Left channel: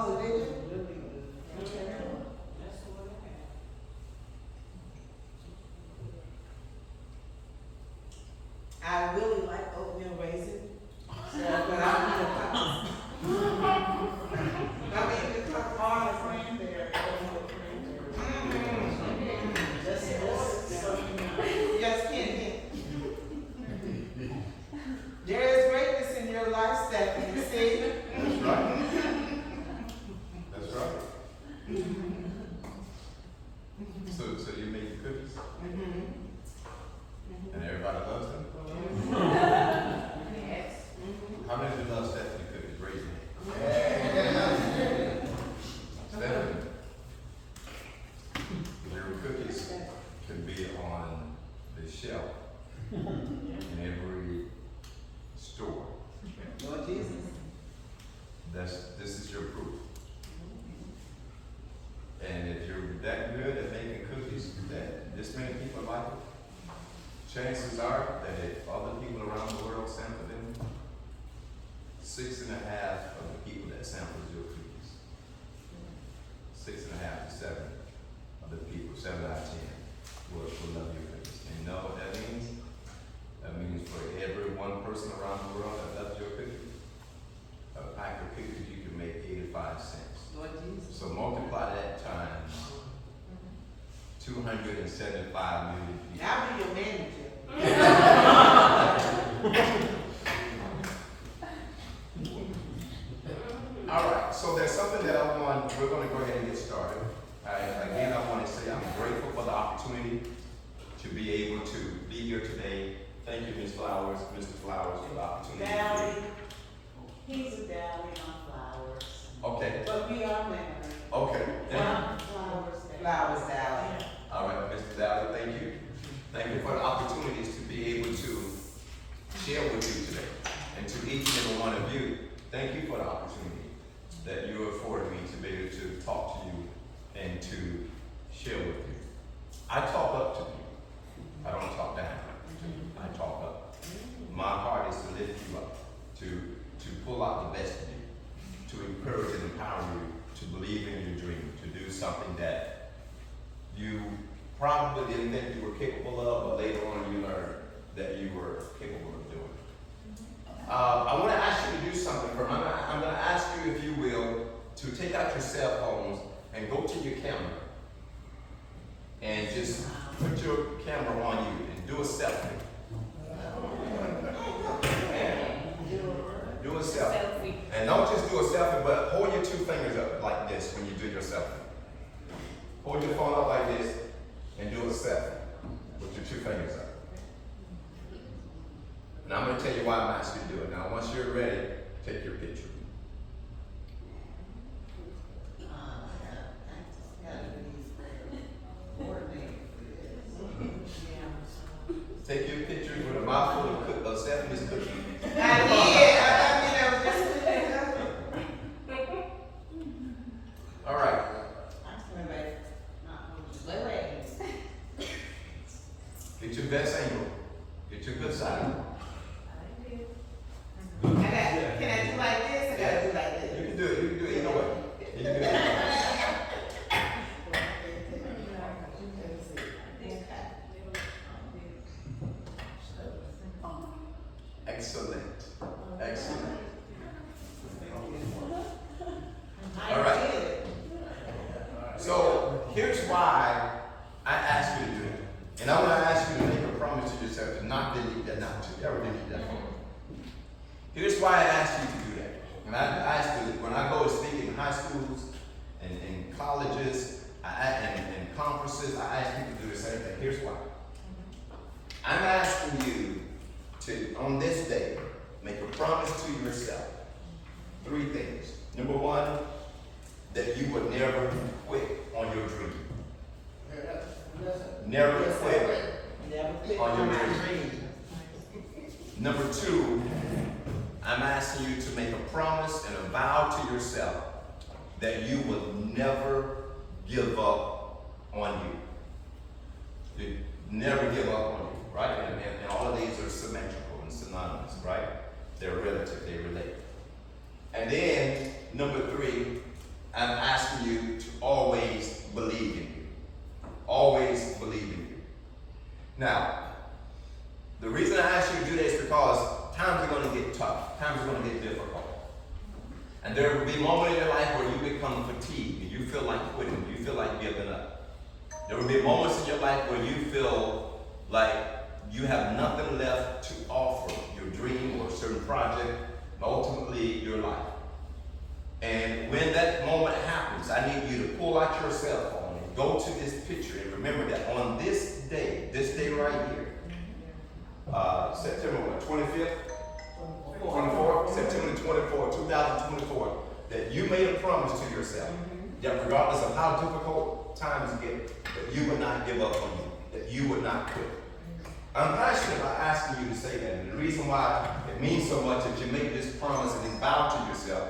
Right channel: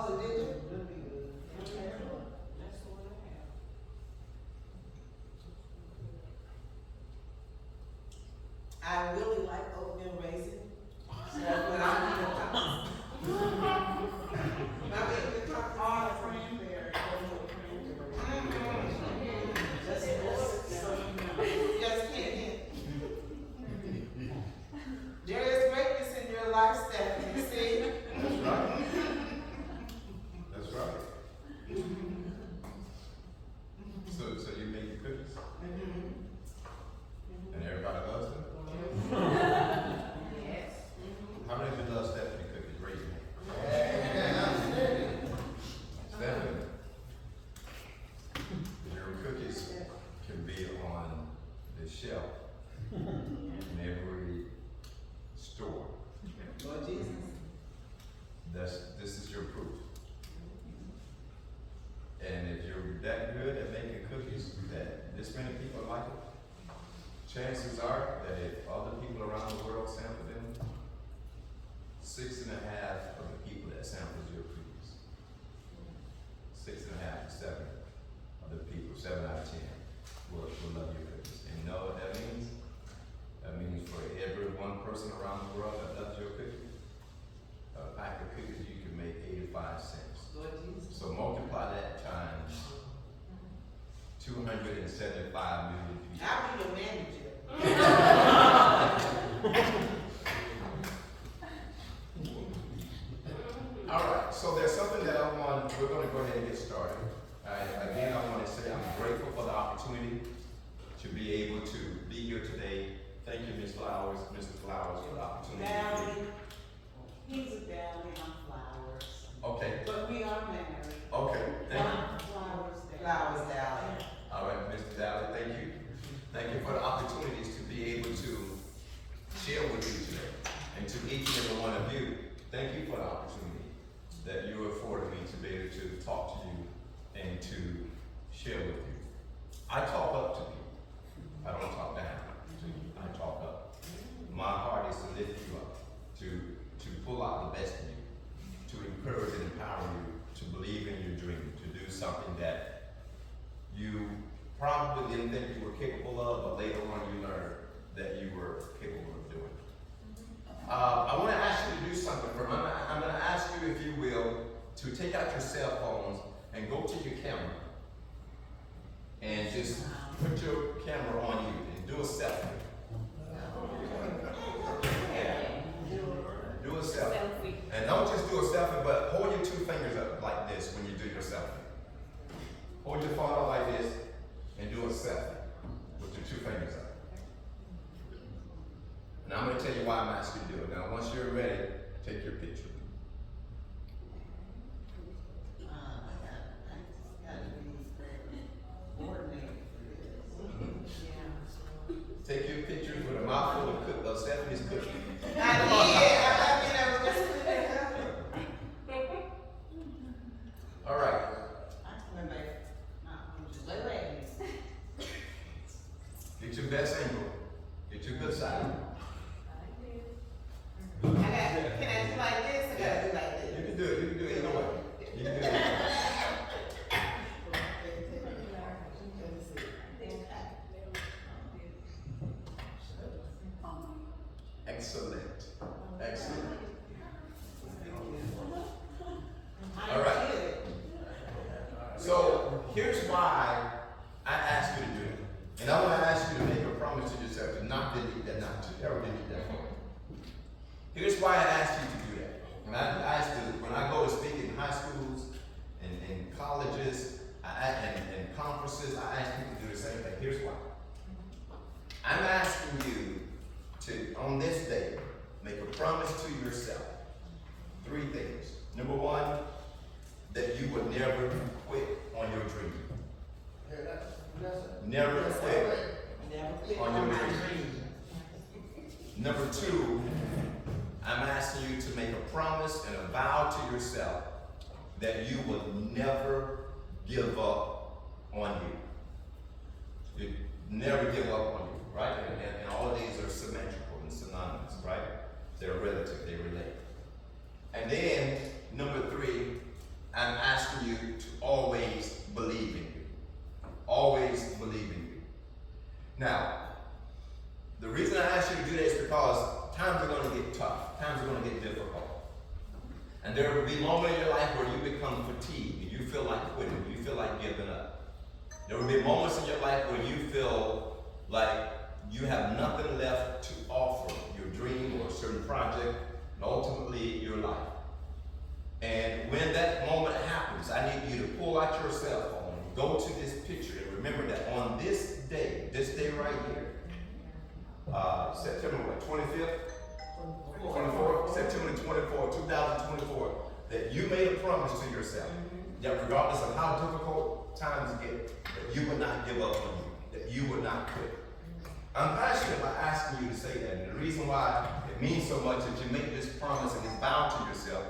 Oh, they do? Really good. That's what it is. I really like oatmeal raisin. So, but I need a cup. I mean, the cup all Cranberry, oatmeal cranberry. Yes, Kenny. There is greatness in your life, Stephanie, see? That's right. That's right. So you make cookies, and everybody loves them? Yes. How many of you love Stephanie cookies? Raise your hand. Stephanie, your cookies can be on the shelf in every store. Lord Jesus. This is your proof. And if you're that good at making cookies that this many people like it, chances are that if other people around the world sample them, 6.5 of the people that samples your cookies, 6.5 to 7 of the people, 7 out of 10, will love your cookies. And you know what that means? That means for every one person around the world that loves your cookies, a pack of cookies you can make 85 cents. Lord Jesus. So multiply that times 275 million people. I'll be your manager. All right, so there's something that we're going to go ahead and get started. Again, I want to say I'm grateful for the opportunity to be able to be here today. Thank you, Ms. Flowers, Mr. Flowers, for the opportunity. Valley, he's a Valley, I'm Flowers. Okay, But we are married. okay, thank you. Flowers, Flowers Valley. All right, Mr. Dowdy, thank you. Thank you for the opportunities to be able to share with you today. And to each and every one of you, thank you for the opportunity that you afforded me to be able to talk to you and to share with you. I talk up to people. I don't talk down to you. I talk up. My heart is to lift you up, to pull out the best in you, to encourage and empower you to believe in your dream, to do something that you probably didn't think you were capable of, but later on you learned that you were capable of doing. I want to ask you to do something. I'm going to ask you, if you will, to take out your cell phones and go to your camera and just put your camera on you and do a selfie. Do a selfie. And don't just do a selfie, but hold your 2 fingers up like this when you do your selfie. Hold your phone up like this and do a selfie with your 2 fingers up. And I'm going to tell you why I'm asking you to do it. Now, once you're ready, take your picture. Take your picture with a mouthful of Stephanie's cookie. I did. All right. Get your best angle. Get your good side. Can I do like this? I gotta do like this. You can do it. You can do it either way. You can do it either way. Excellent. Excellent. All right. So here's why I asked you to do it. And I want to ask you to make a promise to yourself to not delete that now. To ever delete that phone. Here's why I asked you to do that. And I asked you, when I go to speak in high schools and in colleges and conferences, I ask people to do the same thing. Here's why. I'm asking you to, on this day, make a promise to yourself. 3 things. Number 1, that you would never quit on your dream. Never quit on your dream. Number 2, I'm asking you to make a promise and a vow to yourself that you will never give up on you. You never give up on you, right? And all of these are symmetrical and synonymous, right? They're relative, they relate. And then, number 3, like giving up. There will be moments in your life where you feel like you have nothing left to offer your dream or a certain project, and ultimately your life. And when that moment happens, I need you to pull out your cell phone and go to this picture and remember that on this day right here, September what, 25th? 24th, September 24th, 2024, that you made a promise to yourself that regardless of how difficult times get, that you would not give up on you, that you would not quit. I'm passionate about asking you to say that, and the reason why it means so much that you make this promise and this vow to yourself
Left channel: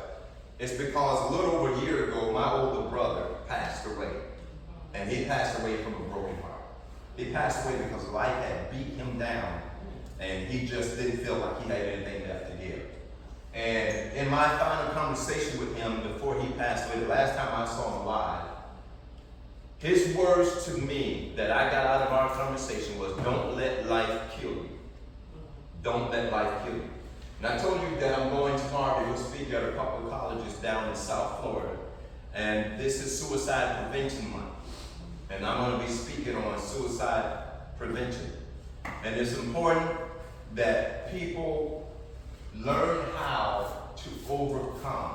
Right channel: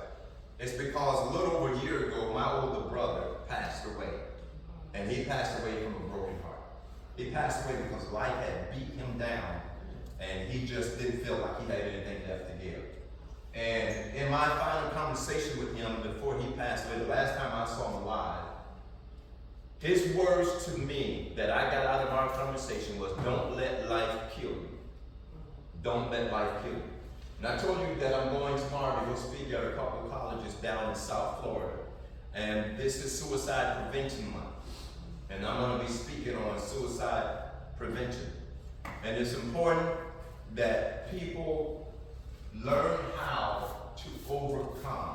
is because a little over a year ago, my older brother passed away, and he passed away from a broken heart. He passed away because life had beat him down, and he just didn't feel like he had anything left to give. And in my final conversation with him before he passed away, the last time I saw him live, his words to me that I got out of our conversation was, don't let life kill you. Don't let life kill you. And I told you that I'm going tomorrow to go speak at a couple of colleges down in South Florida. And this is Suicide Prevention Month. And I'm going to be speaking on suicide prevention. And it's important that people learn how to overcome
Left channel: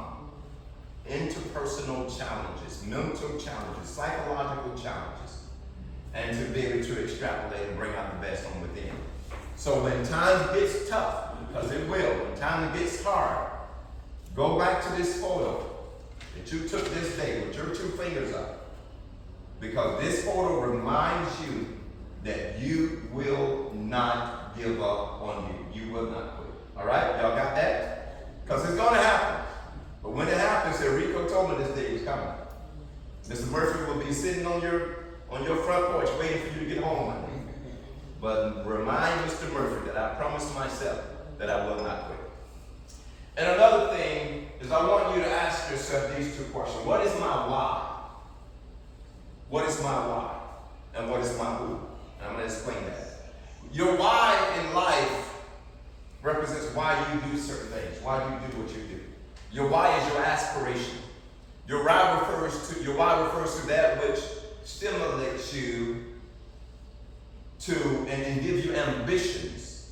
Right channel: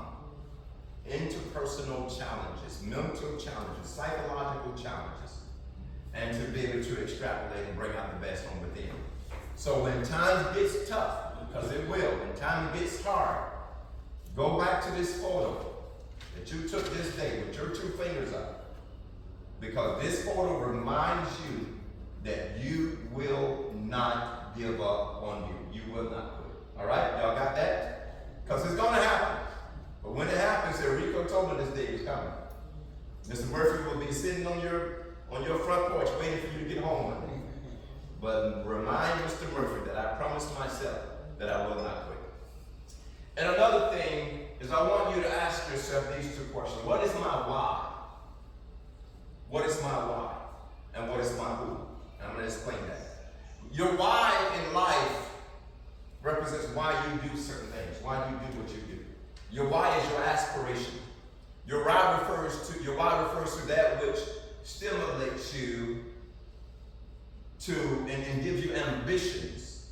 interpersonal challenges, mental challenges, psychological challenges, and to be able to extrapolate and bring out the best from within. So when times gets tough, because it will, when time gets hard, go back to this photo that you took this day with your two fingers up, because this photo reminds you that you will not give up on you. You will not quit. All right? Y'all got that? Because it's going to happen. But when it happens, Rico told me this day is coming. Mr. Murphy will be sitting on your front porch waiting for you to get home one day. But remind Mr. Murphy that I promised myself that I will not quit. And another thing is I want you to ask yourself these two questions. What is my why? What is my why? And what is my who? And I'm going to explain that. Your why in life represents why you do certain things, why you do what you do. Your why is your aspiration. Your why refers to that which stimulates you to and give you ambitions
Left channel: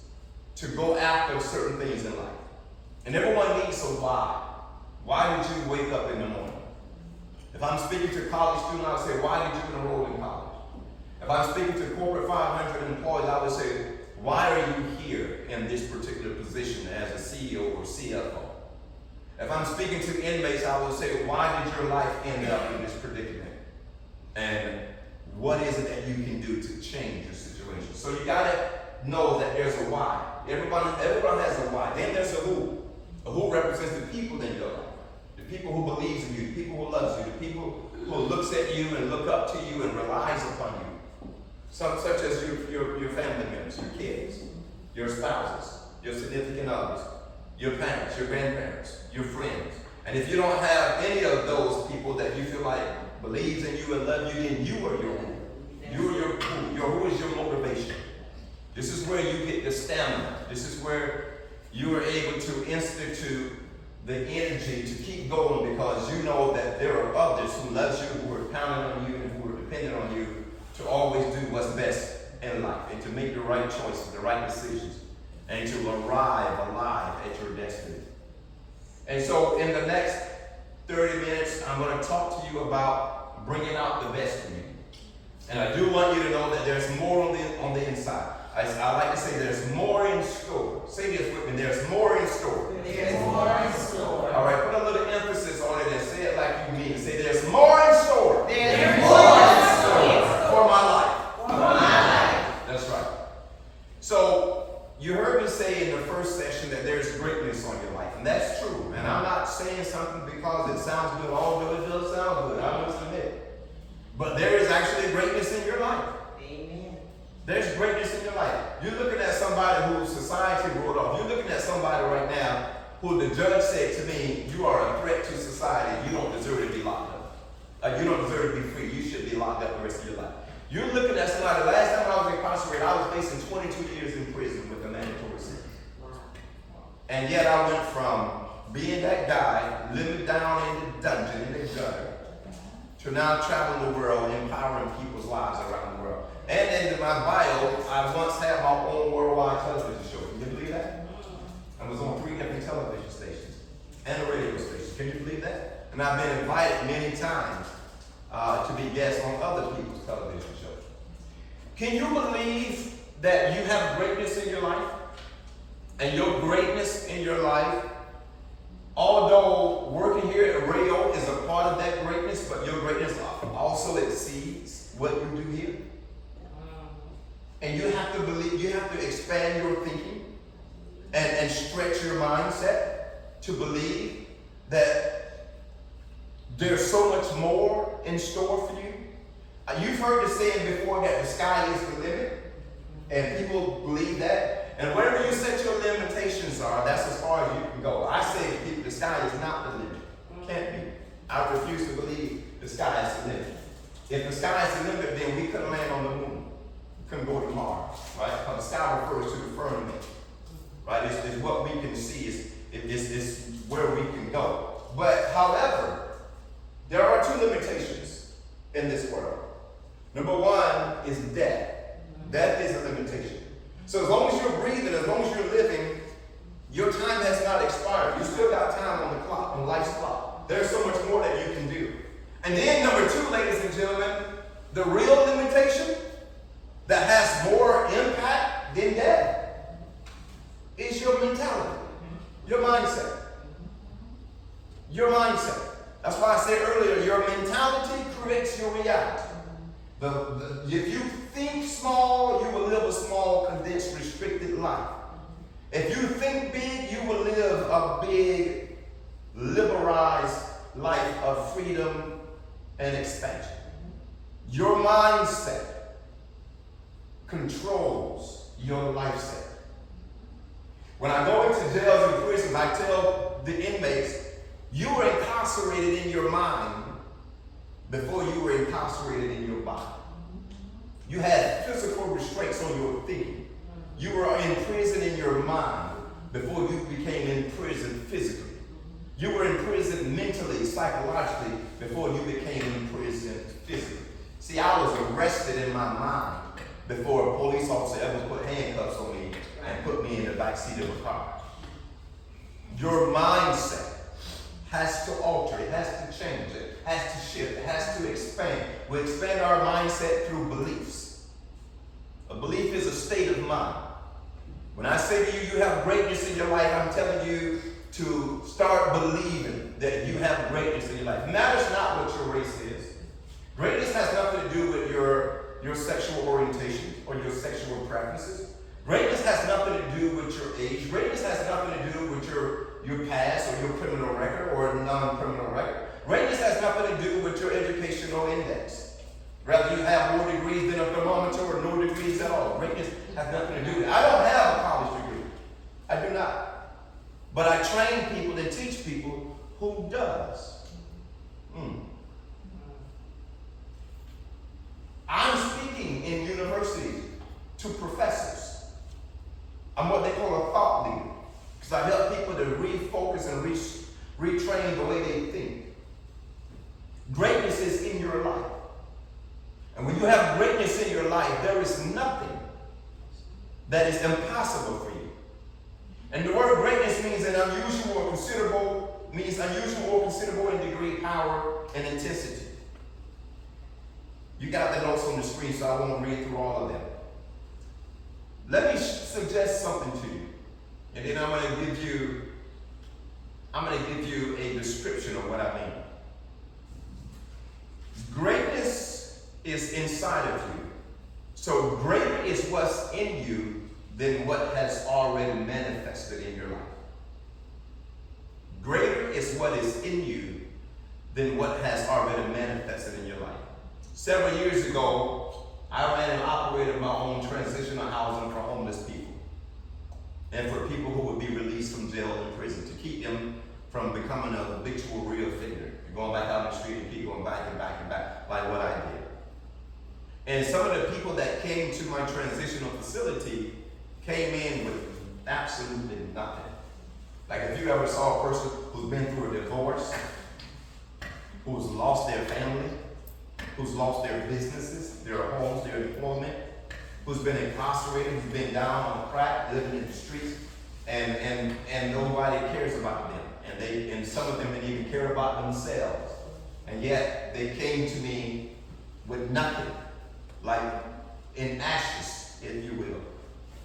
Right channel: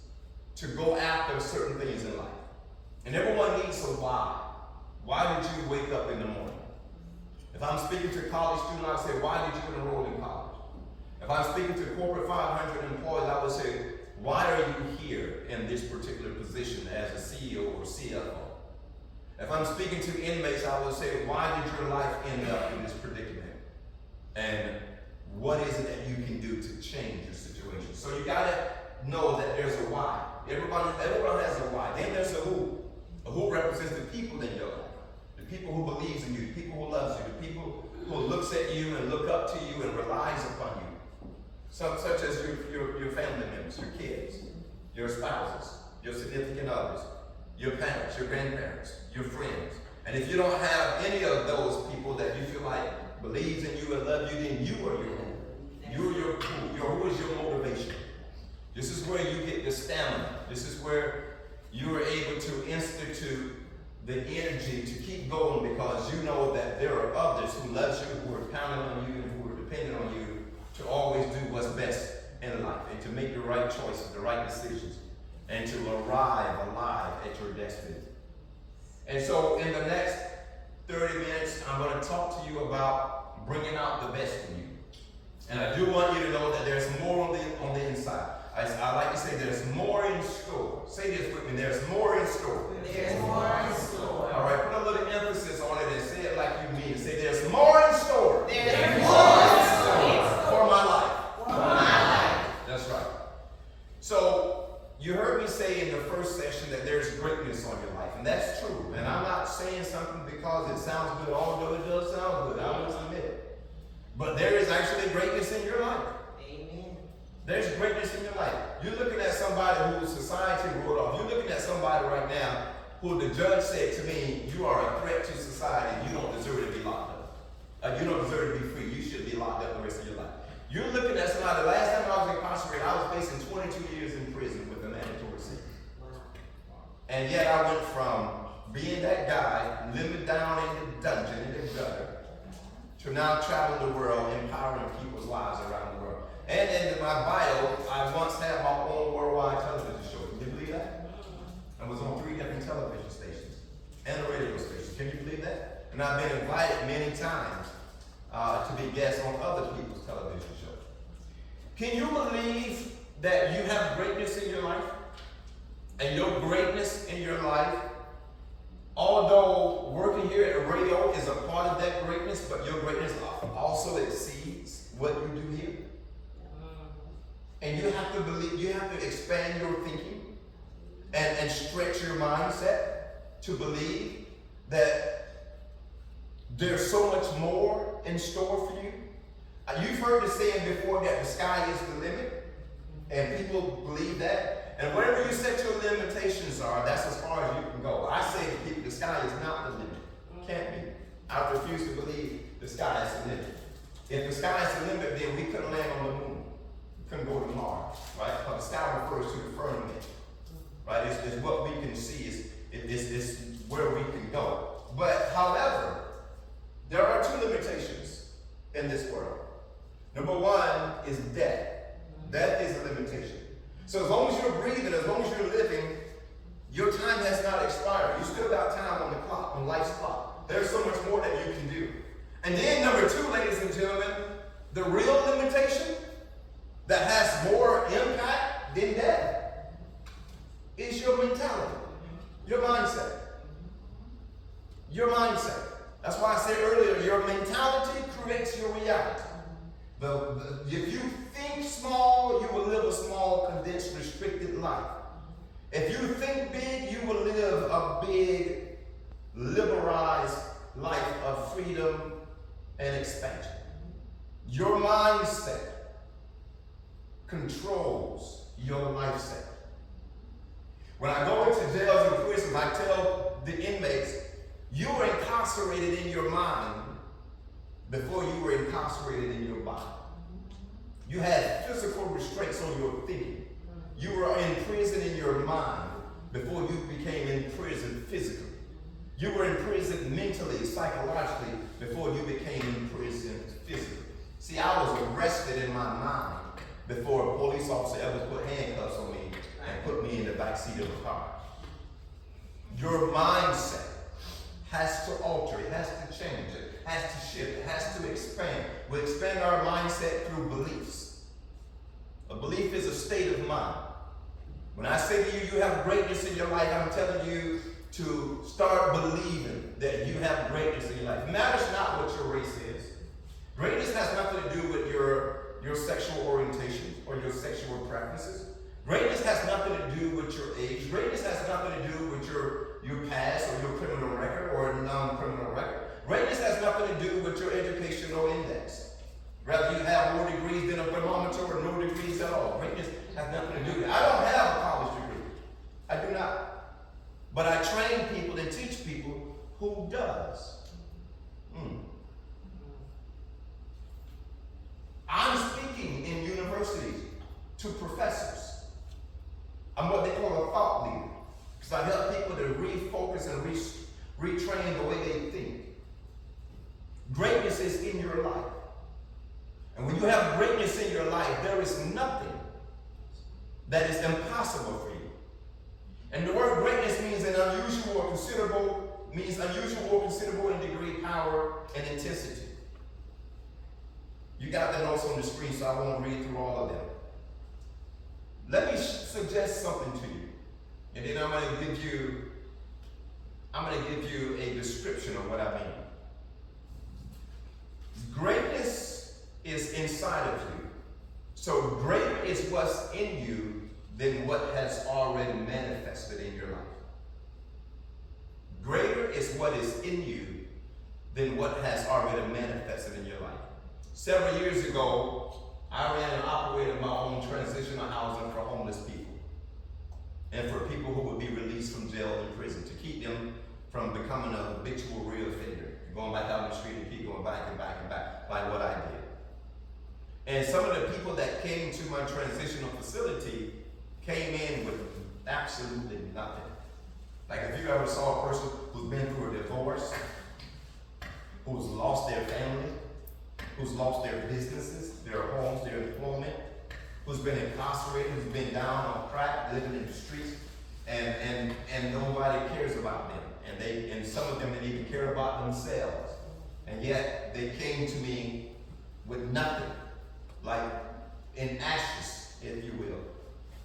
to go after certain things in life. And everyone needs a why. Why did you wake up in the morning? If I'm speaking to college students, I would say, why did you enroll in college? If I'm speaking to corporate 500 employees, I would say, why are you here in this particular position as a CEO or CFO? If I'm speaking to inmates, I will say, why did your life end up in this predicament? And what is it that you can do to change your situation? So you gotta know that there's a why. Everyone has a why. Then there's a who. A who represents the people in your life. The people who believes in you, the people who loves you, the people who looks at you and look up to you and relies upon you. Such as your family members, your kids, your spouses, your significant others, your parents, your grandparents, your friends. And if you don't have any of those people that you feel like believes in you and love you, then you are your who. You are your who. Your who is your motivation. This is where you get the stamina. This is where you are able to institute the energy to keep going, because you know that there are others who love you, who are counting on you, and who are dependent on you to always do what's best in life and to make the right choices, the right decisions, and to arrive alive at your destiny. And so in the next 30 minutes, I'm going to talk to you about bringing out the best in you. And I do want you to know that there's more on the inside. I like to say there's more in store. Say this with me, there's more in store. There's more in store. All right, put a little emphasis on it and say it like you mean it. Say there's more in store. There's more in store. For my life. For my life. That's right. So you heard me say in the first session that there's greatness on your life, and that's true. And I'm not saying something because it sounds good, although it does sound good, I must admit. But there is actually greatness in your life. Amen. There's greatness in your life. You're looking at somebody who society wrote off. You're looking at somebody right now who the judge said to me, you are a threat to society. You don't deserve to be locked up. You don't deserve to be free. You should be locked up the rest of your life. You're looking at somebody, the last time I was incarcerated, I was facing 22 years in prison with a mandatory sentence. And yet I went from being that guy, living down in the dungeon, in the gutter, to now travel the world, empowering people's lives around the world. And in my bio, I once had my own worldwide television show. Can you believe that? I was on 3 different television stations and a radio station. Can you believe that? And I've been invited many times to be guests on other people's television shows. Can you believe that you have greatness in your life? And your greatness in your life, although working here at radio is a part of that greatness, but your greatness also exceeds what you do here. And you have to believe, you have to expand your thinking and stretch your mindset to believe that there's so much more in store for you. You've heard the saying before that the sky is the limit, and people believe that. And wherever you set your limitations are, that's as far as you can go. I say to people, the sky is not the limit. Can't be. I refuse to believe the sky is the limit. If the sky is the limit, then we couldn't land on the moon. We couldn't go to Mars, right? Because the sky refers to the firmament, right? It's what we can see. It's where we can go. But however, there are 2 limitations in this world. Number 1 is death. Death is a limitation. So as long as you're breathing, as long as you're living, your time has not expired. You still got time on the clock, on life's clock. There's so much more that you can do. And then number 2, ladies and gentlemen, the real limitation that has more impact than death is your mentality, your mindset. Your mindset. That's why I said earlier, your mentality creates your reality. If you think small, you will live a small, condensed, restricted life. If you think big, you will live a big, liberalized life of freedom and expansion. Your mindset controls your lifestyle. When I go into jails and prisons, I tell the inmates, you were incarcerated in your mind before you were incarcerated in your body. You had physical restraints on your thinking. You were in prison in your mind before you became in prison physically. You were in prison mentally, psychologically, before you became in prison physically. See, I was arrested in my mind before a police officer ever put handcuffs on me and put me in the backseat of a car. Your mindset has to alter, it has to change, it has to shift, it has to expand. We expand our mindset through beliefs. A belief is a state of mind. When I say to you, you have greatness in your life, I'm telling you to start believing that you have greatness in your life. It matters not what your race is. Greatness has nothing to do with your sexual orientation or your sexual preferences. Greatness has nothing to do with your age. Greatness has nothing to do with your past or your criminal record or non-criminal record. Greatness has nothing to do with your educational index. Whether you have more degrees than a thermometer or no degrees at all. Greatness has nothing to do with it. I don't have a college degree. I do not. But I train people and teach people who does. I'm speaking in universities to professors. I'm what they call a thought leader. Because I help people to refocus and retrain the way they think. Greatness is in your life. And when you have greatness in your life, there is nothing that is impossible for you. And the word greatness means an unusual or considerable, in degree, power, and intensity. You got the notes on the screen, so I won't read through all of them. Let me suggest something to you. And then I'm going to give you a description of what I mean. Greatness is inside of you. So greater is what's in you than what has already manifested in your life. Greater is what is in you than what has already manifested in your life. Several years ago, I ran and operated my own transitional housing for homeless people and for people who would be released from jail and prison to keep them from becoming a habitual reoffender, going back out on the street and keep going back and back and back, like what I did. And some of the people that came to my transitional facility came in with absolutely nothing. Like if you ever saw a person who's been through a divorce, who's lost their family, who's lost their businesses, their homes, their employment, who's been incarcerated, who's been down on crack, living in the streets, and nobody cares about them. And some of them didn't even care about themselves. And yet they came to me with nothing, like in ashes, if you will.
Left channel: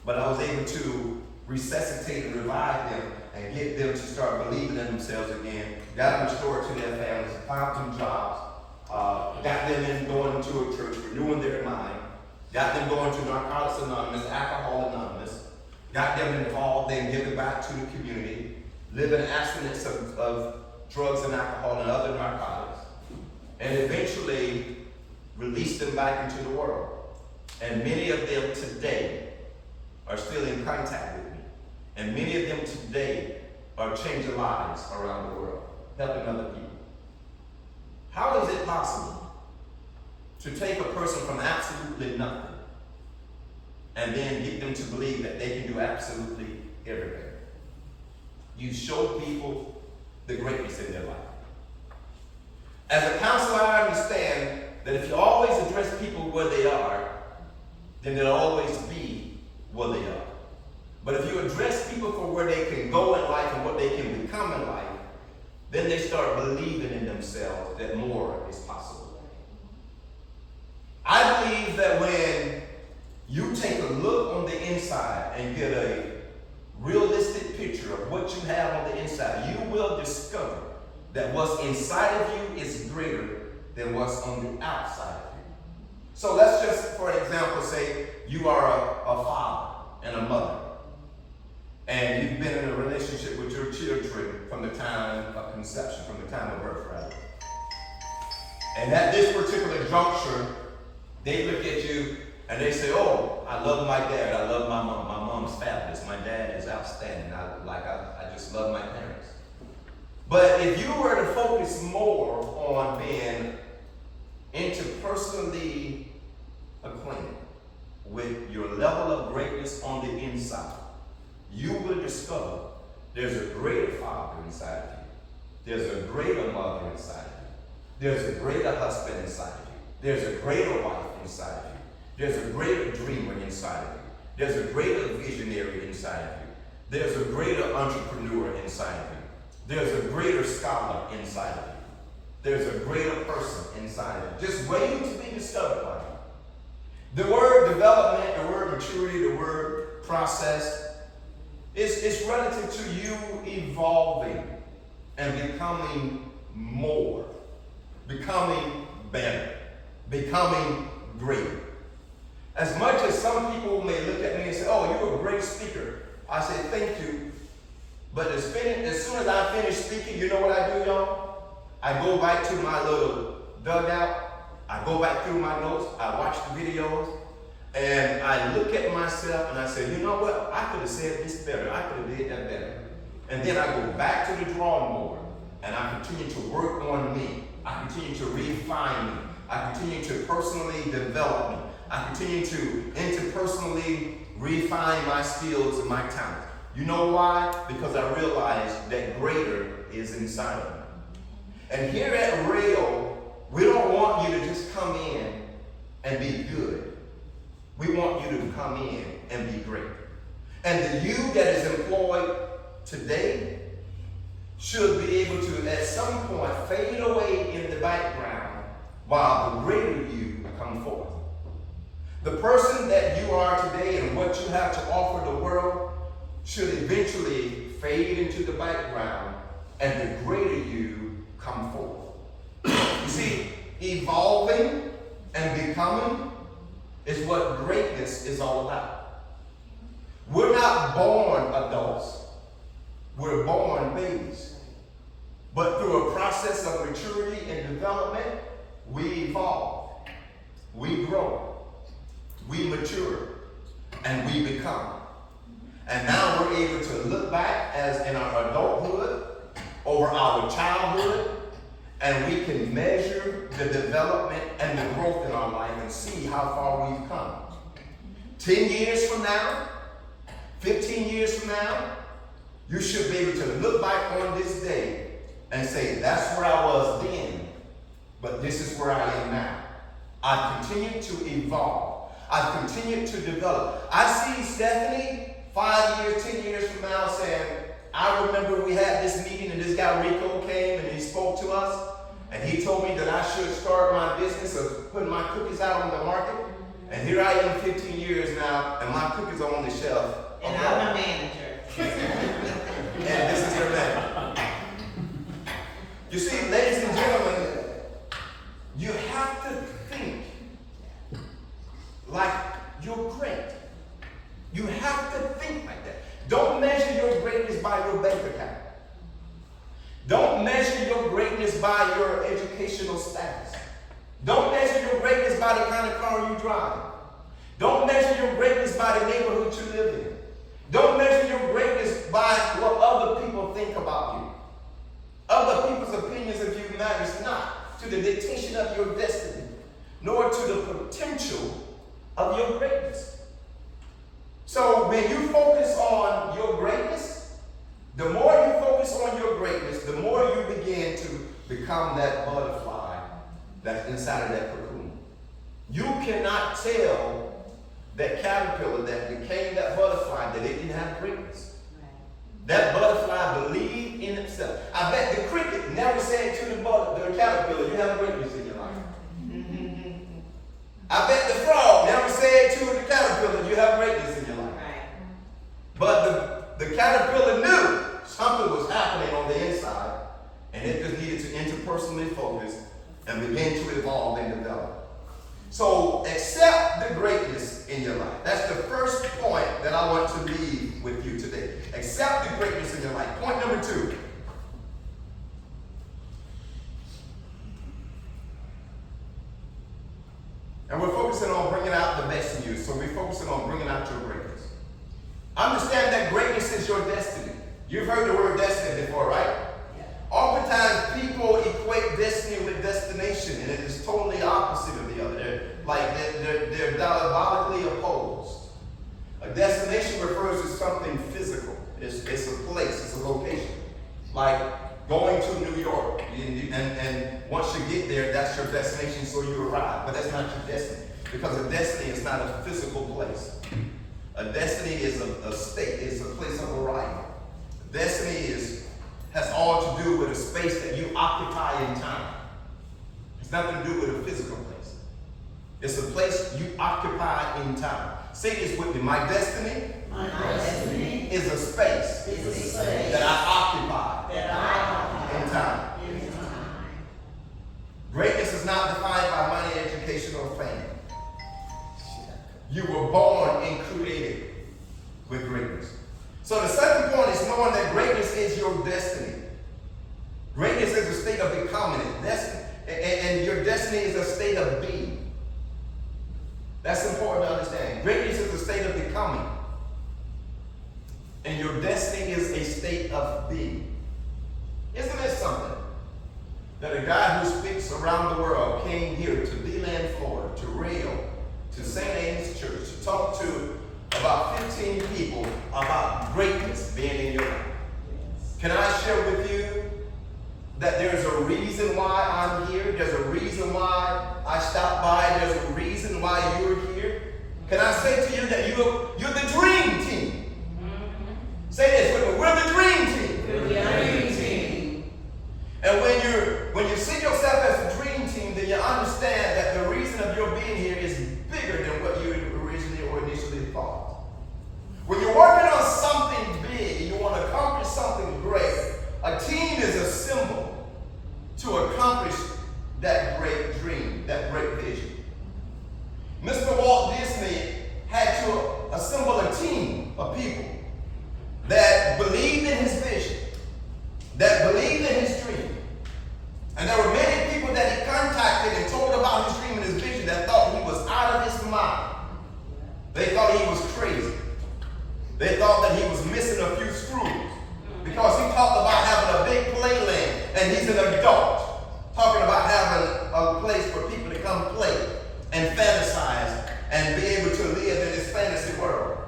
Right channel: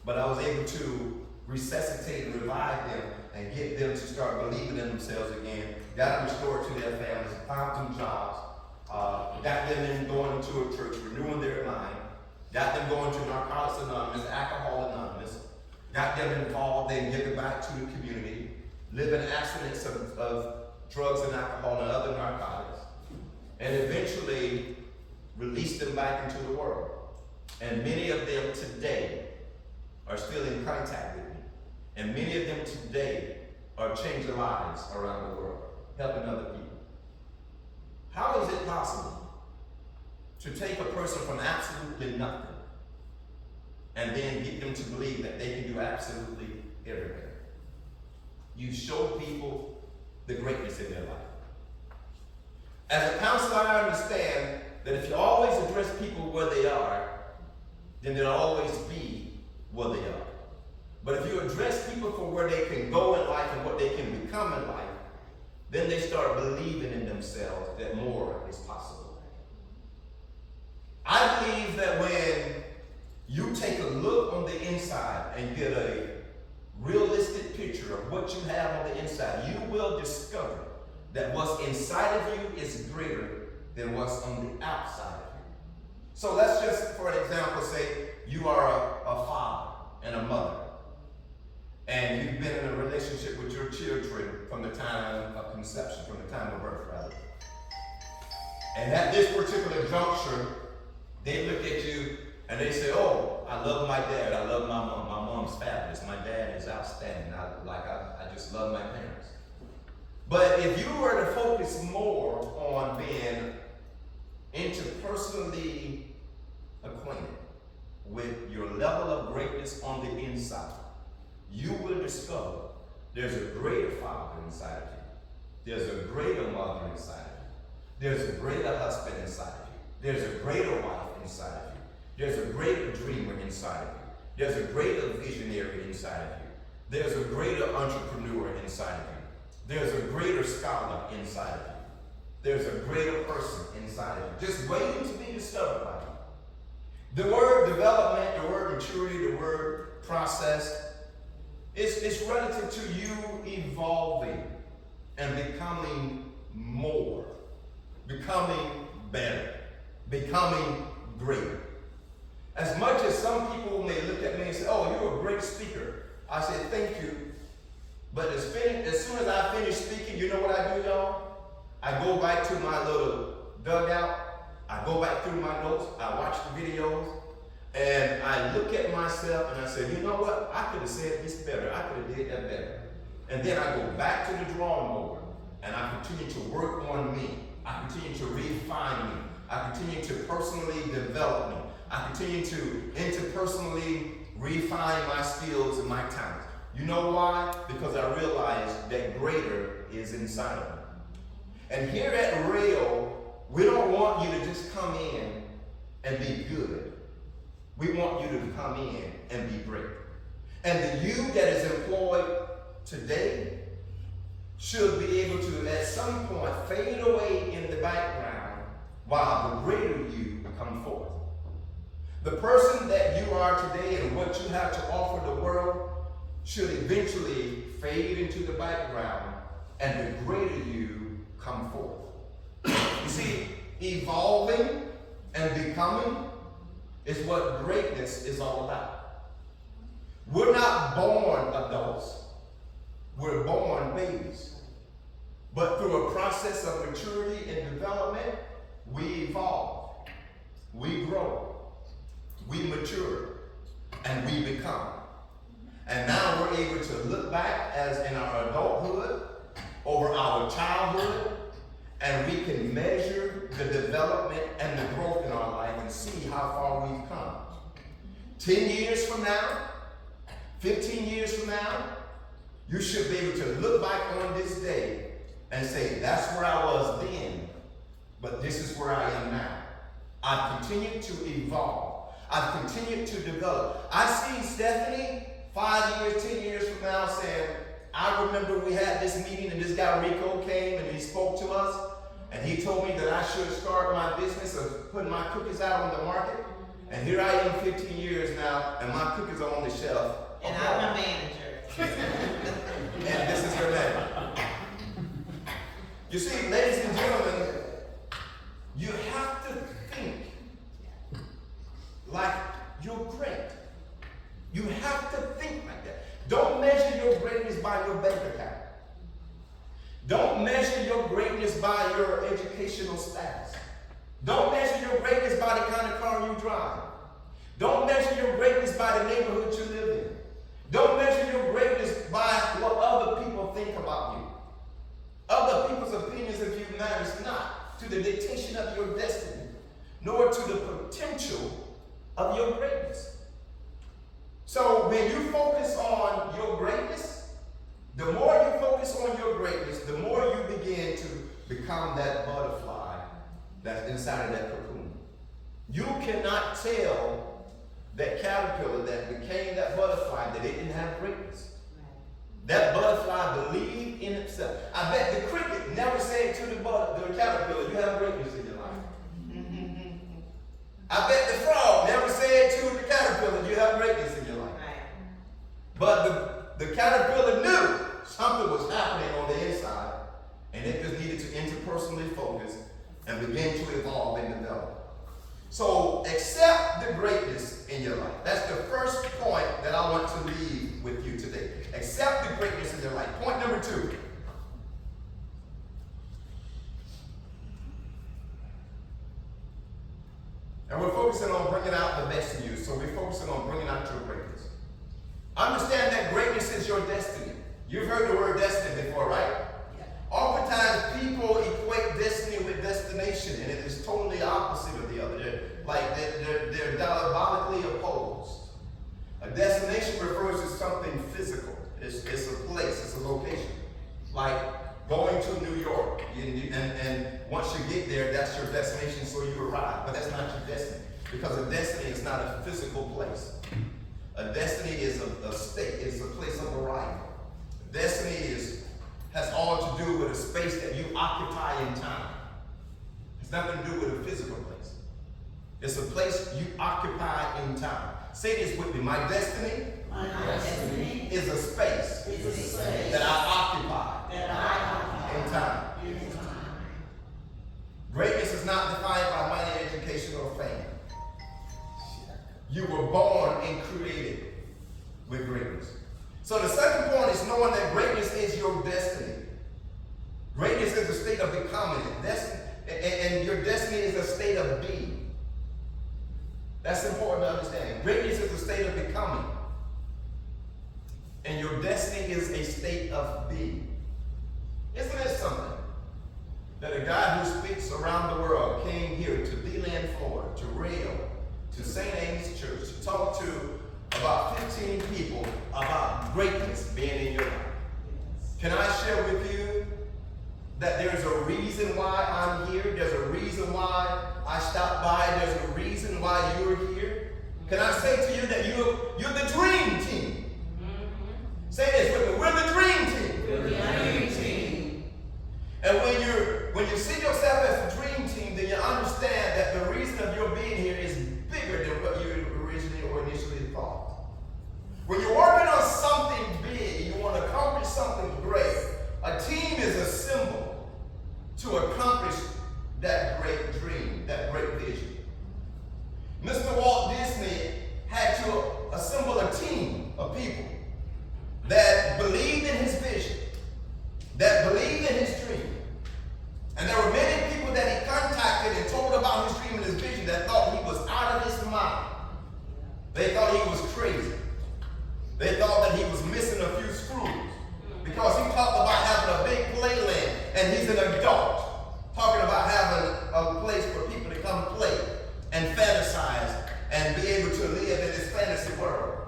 But I was able to resuscitate and revive them and get them to start believing in themselves again, got them restored to their families, found them jobs, got them in going to a church, renewing their mind, got them going to Narcotics Anonymous, Alcohol Anonymous, got them involved in giving back to the community, living abstinence of drugs and alcohol and other narcotics, and eventually released them back into the world. And many of them today are still in contact with me. And many of them today are changing lives around the world, helping other people. How is it possible to take a person from absolutely nothing and then get them to believe that they can do absolutely everything? You show people the greatness in their life. As a counselor, I understand that if you always address people where they are, then they'll always be where they are. But if you address people for where they can go in life and what they can become in life, then they start believing in themselves that more is possible. I believe that when you take a look on the inside and get a realistic picture of what you have on the inside, you will discover that what's inside of you is greater than what's on the outside of you. So let's just, for example, say you are a father and a mother, and you've been in a relationship with your children from the time of conception, from the time of birth, rather. And at this particular juncture, they look at you and they say, oh, I love my dad, I love my mom. My mom's fabulous, my dad is outstanding. I just love my parents. But if you were to focus more on being interpersonally acquainted with your level of greatness on the inside, you will discover there's a greater father inside of you. There's a greater mother inside of you. There's a greater husband inside of you. There's a greater wife inside of you. There's a greater dreamer inside of you. There's a greater visionary inside of you. There's a greater entrepreneur inside of you. There's a greater scholar inside of you. There's a greater person inside of you, just waiting to be discovered by you. The word development, the word maturity, the word process, it's relative to you evolving and becoming more, becoming better, becoming greater. As much as some people may look at me and say, oh, you're a great speaker, I say, thank you. But as soon as I finish speaking, you know what I do, y'all? I go back to my little dugout. I go back through my notes. I watch the videos. And I look at myself and I say, you know what? I could have said this better. I could have did that better. And then I go back to the drawing board and I continue to work on me. I continue to refine me. I continue to personally develop me. I continue to interpersonally refine my skills and my talents. You know why? Because I realize that greater is inside of me. And here at Rail, we don't want you to just come in and be good. We want you to come in and be great. And the you that is employed today should be able to, at some point, fade away in the background while the greater you come forth. The person that you are today and what you have to offer the world should eventually fade into the background and the greater you come forth. You see, evolving and becoming is what greatness is all about. We're not born adults. We're born babies. But through a process of maturity and development, we evolve. We grow. We mature. And we become. And now we're able to look back as in our adulthood over our childhood, and we can measure the development and the growth in our life and see how far we've come. 10 years from now, 15 years from now, you should be able to look back on this day and say, that's where I was then, but this is where I am now. I've continued to evolve. I've continued to develop. I see Stephanie 5 years, 10 years from now saying, I remember we had this meeting and this guy Rico came and he spoke to us and he told me that I should start my business of putting my cookies out on the market. And here I am 15 years now and my cookies are on the shelf. And I'm a manager. And this is your man. You see, ladies and gentlemen, you have to think like you're great. You have to think like that. Don't measure your greatness by your bank account. Don't measure your greatness by your educational status. Don't measure your greatness by the kind of car you drive. Don't measure your greatness by the neighborhood you live in. Don't measure your greatness by what other people think about you. Other people's opinions of you matters not to the dictation of your destiny, nor to the potential of your greatness. So when you focus on your greatness, the more you focus on your greatness, the more you begin to become that butterfly that's inside of that cocoon. You cannot tell that caterpillar that became that butterfly that it didn't have greatness. That butterfly believed in itself. I bet the cricket never said to the caterpillar, you have greatness in your life. I bet the frog never said to the caterpillar, you have greatness in your life. But the caterpillar knew something was happening on the inside, and it just needed to interpersonally focus and begin to evolve and develop. So accept the greatness in your life. That's the first point that I want to leave with you today. Accept the greatness in your life. Point number 2. And we're focusing on bringing out the best in you. So we're focusing on bringing out your greatness. Understand that greatness is your destiny. You've heard the word destiny before, right? Yeah. Oftentimes people equate destiny with destination, and it is totally opposite of the other. They're diabolically opposed. A destination refers to something physical. It's a place, it's a location. Like going to New York, and once you get there, that's your destination, so you arrive. But that's not your destiny, because a destiny is not a physical place. A destiny is a state, it's a place of arrival. Destiny has all to do with a space that you occupy in time. It's nothing to do with a physical place. It's a place you occupy in time. Say this with me. My destiny is a space that I occupy in time. Greatness is not defined by money, education, or fame. You were born and created with greatness. So the second point is knowing that greatness is your destiny. Greatness is a state of becoming. And your destiny is a state of being. That's important to understand. Greatness is a state of becoming. And your destiny is a state of being. Isn't it something that a guy who speaks around the world came here to Leland, Florida, to Rio, to St. Ames Church, to talk to about 15 people about greatness being in your life? Can I share with you that there's a reason why I'm here? There's a reason why I stopped by. There's a reason why you're here. Can I say to you that you're the dream team? Mm-hmm. Say this with me. We're the dream team. We're the dream team. And when you see yourself as the dream team, then you understand that the reason of your being here is bigger than what you originally or initially thought. When you're working on something big and you want to accomplish something great, a team is a symbol to accomplish that great dream, that great vision. Mr. Walt Disney had to assemble a team of people that believed in his vision, that believed in his dream. And there were many people that he contacted and told about his dream and his vision that thought he was out of his mind. They thought he was crazy. They thought that he was missing a few screws, because he talked about having a big playland, and he's an adult, talking about having a place for people to come play and fantasize and be able to live in this fantasy world.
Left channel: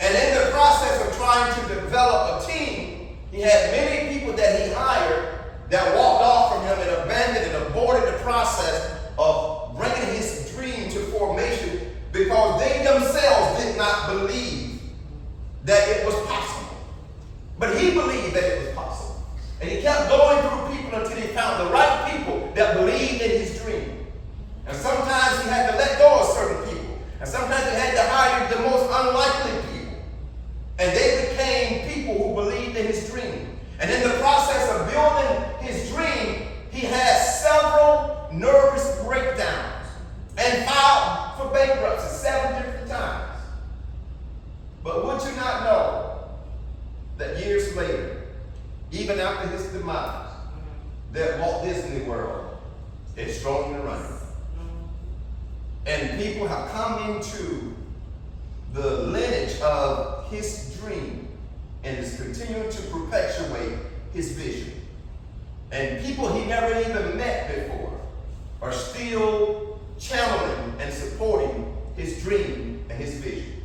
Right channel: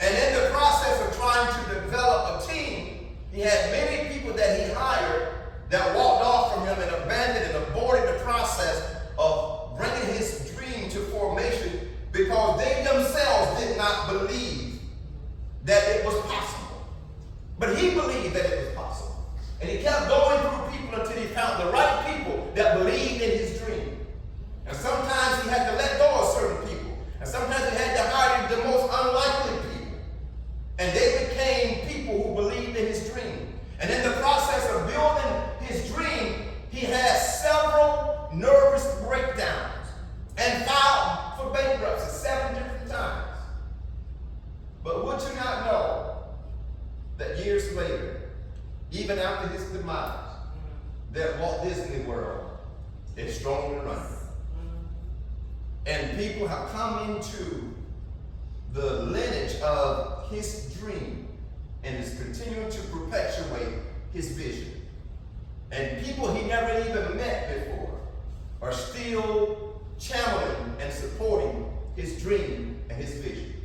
And in the process of trying to develop a team, he had many people that he hired that walked off from him and abandoned and aborted the process of bringing his headstrong and running. And people have come into the lineage of his dream and is continuing to perpetuate his vision. And people he never even met before are still channeling and supporting his dream and his vision.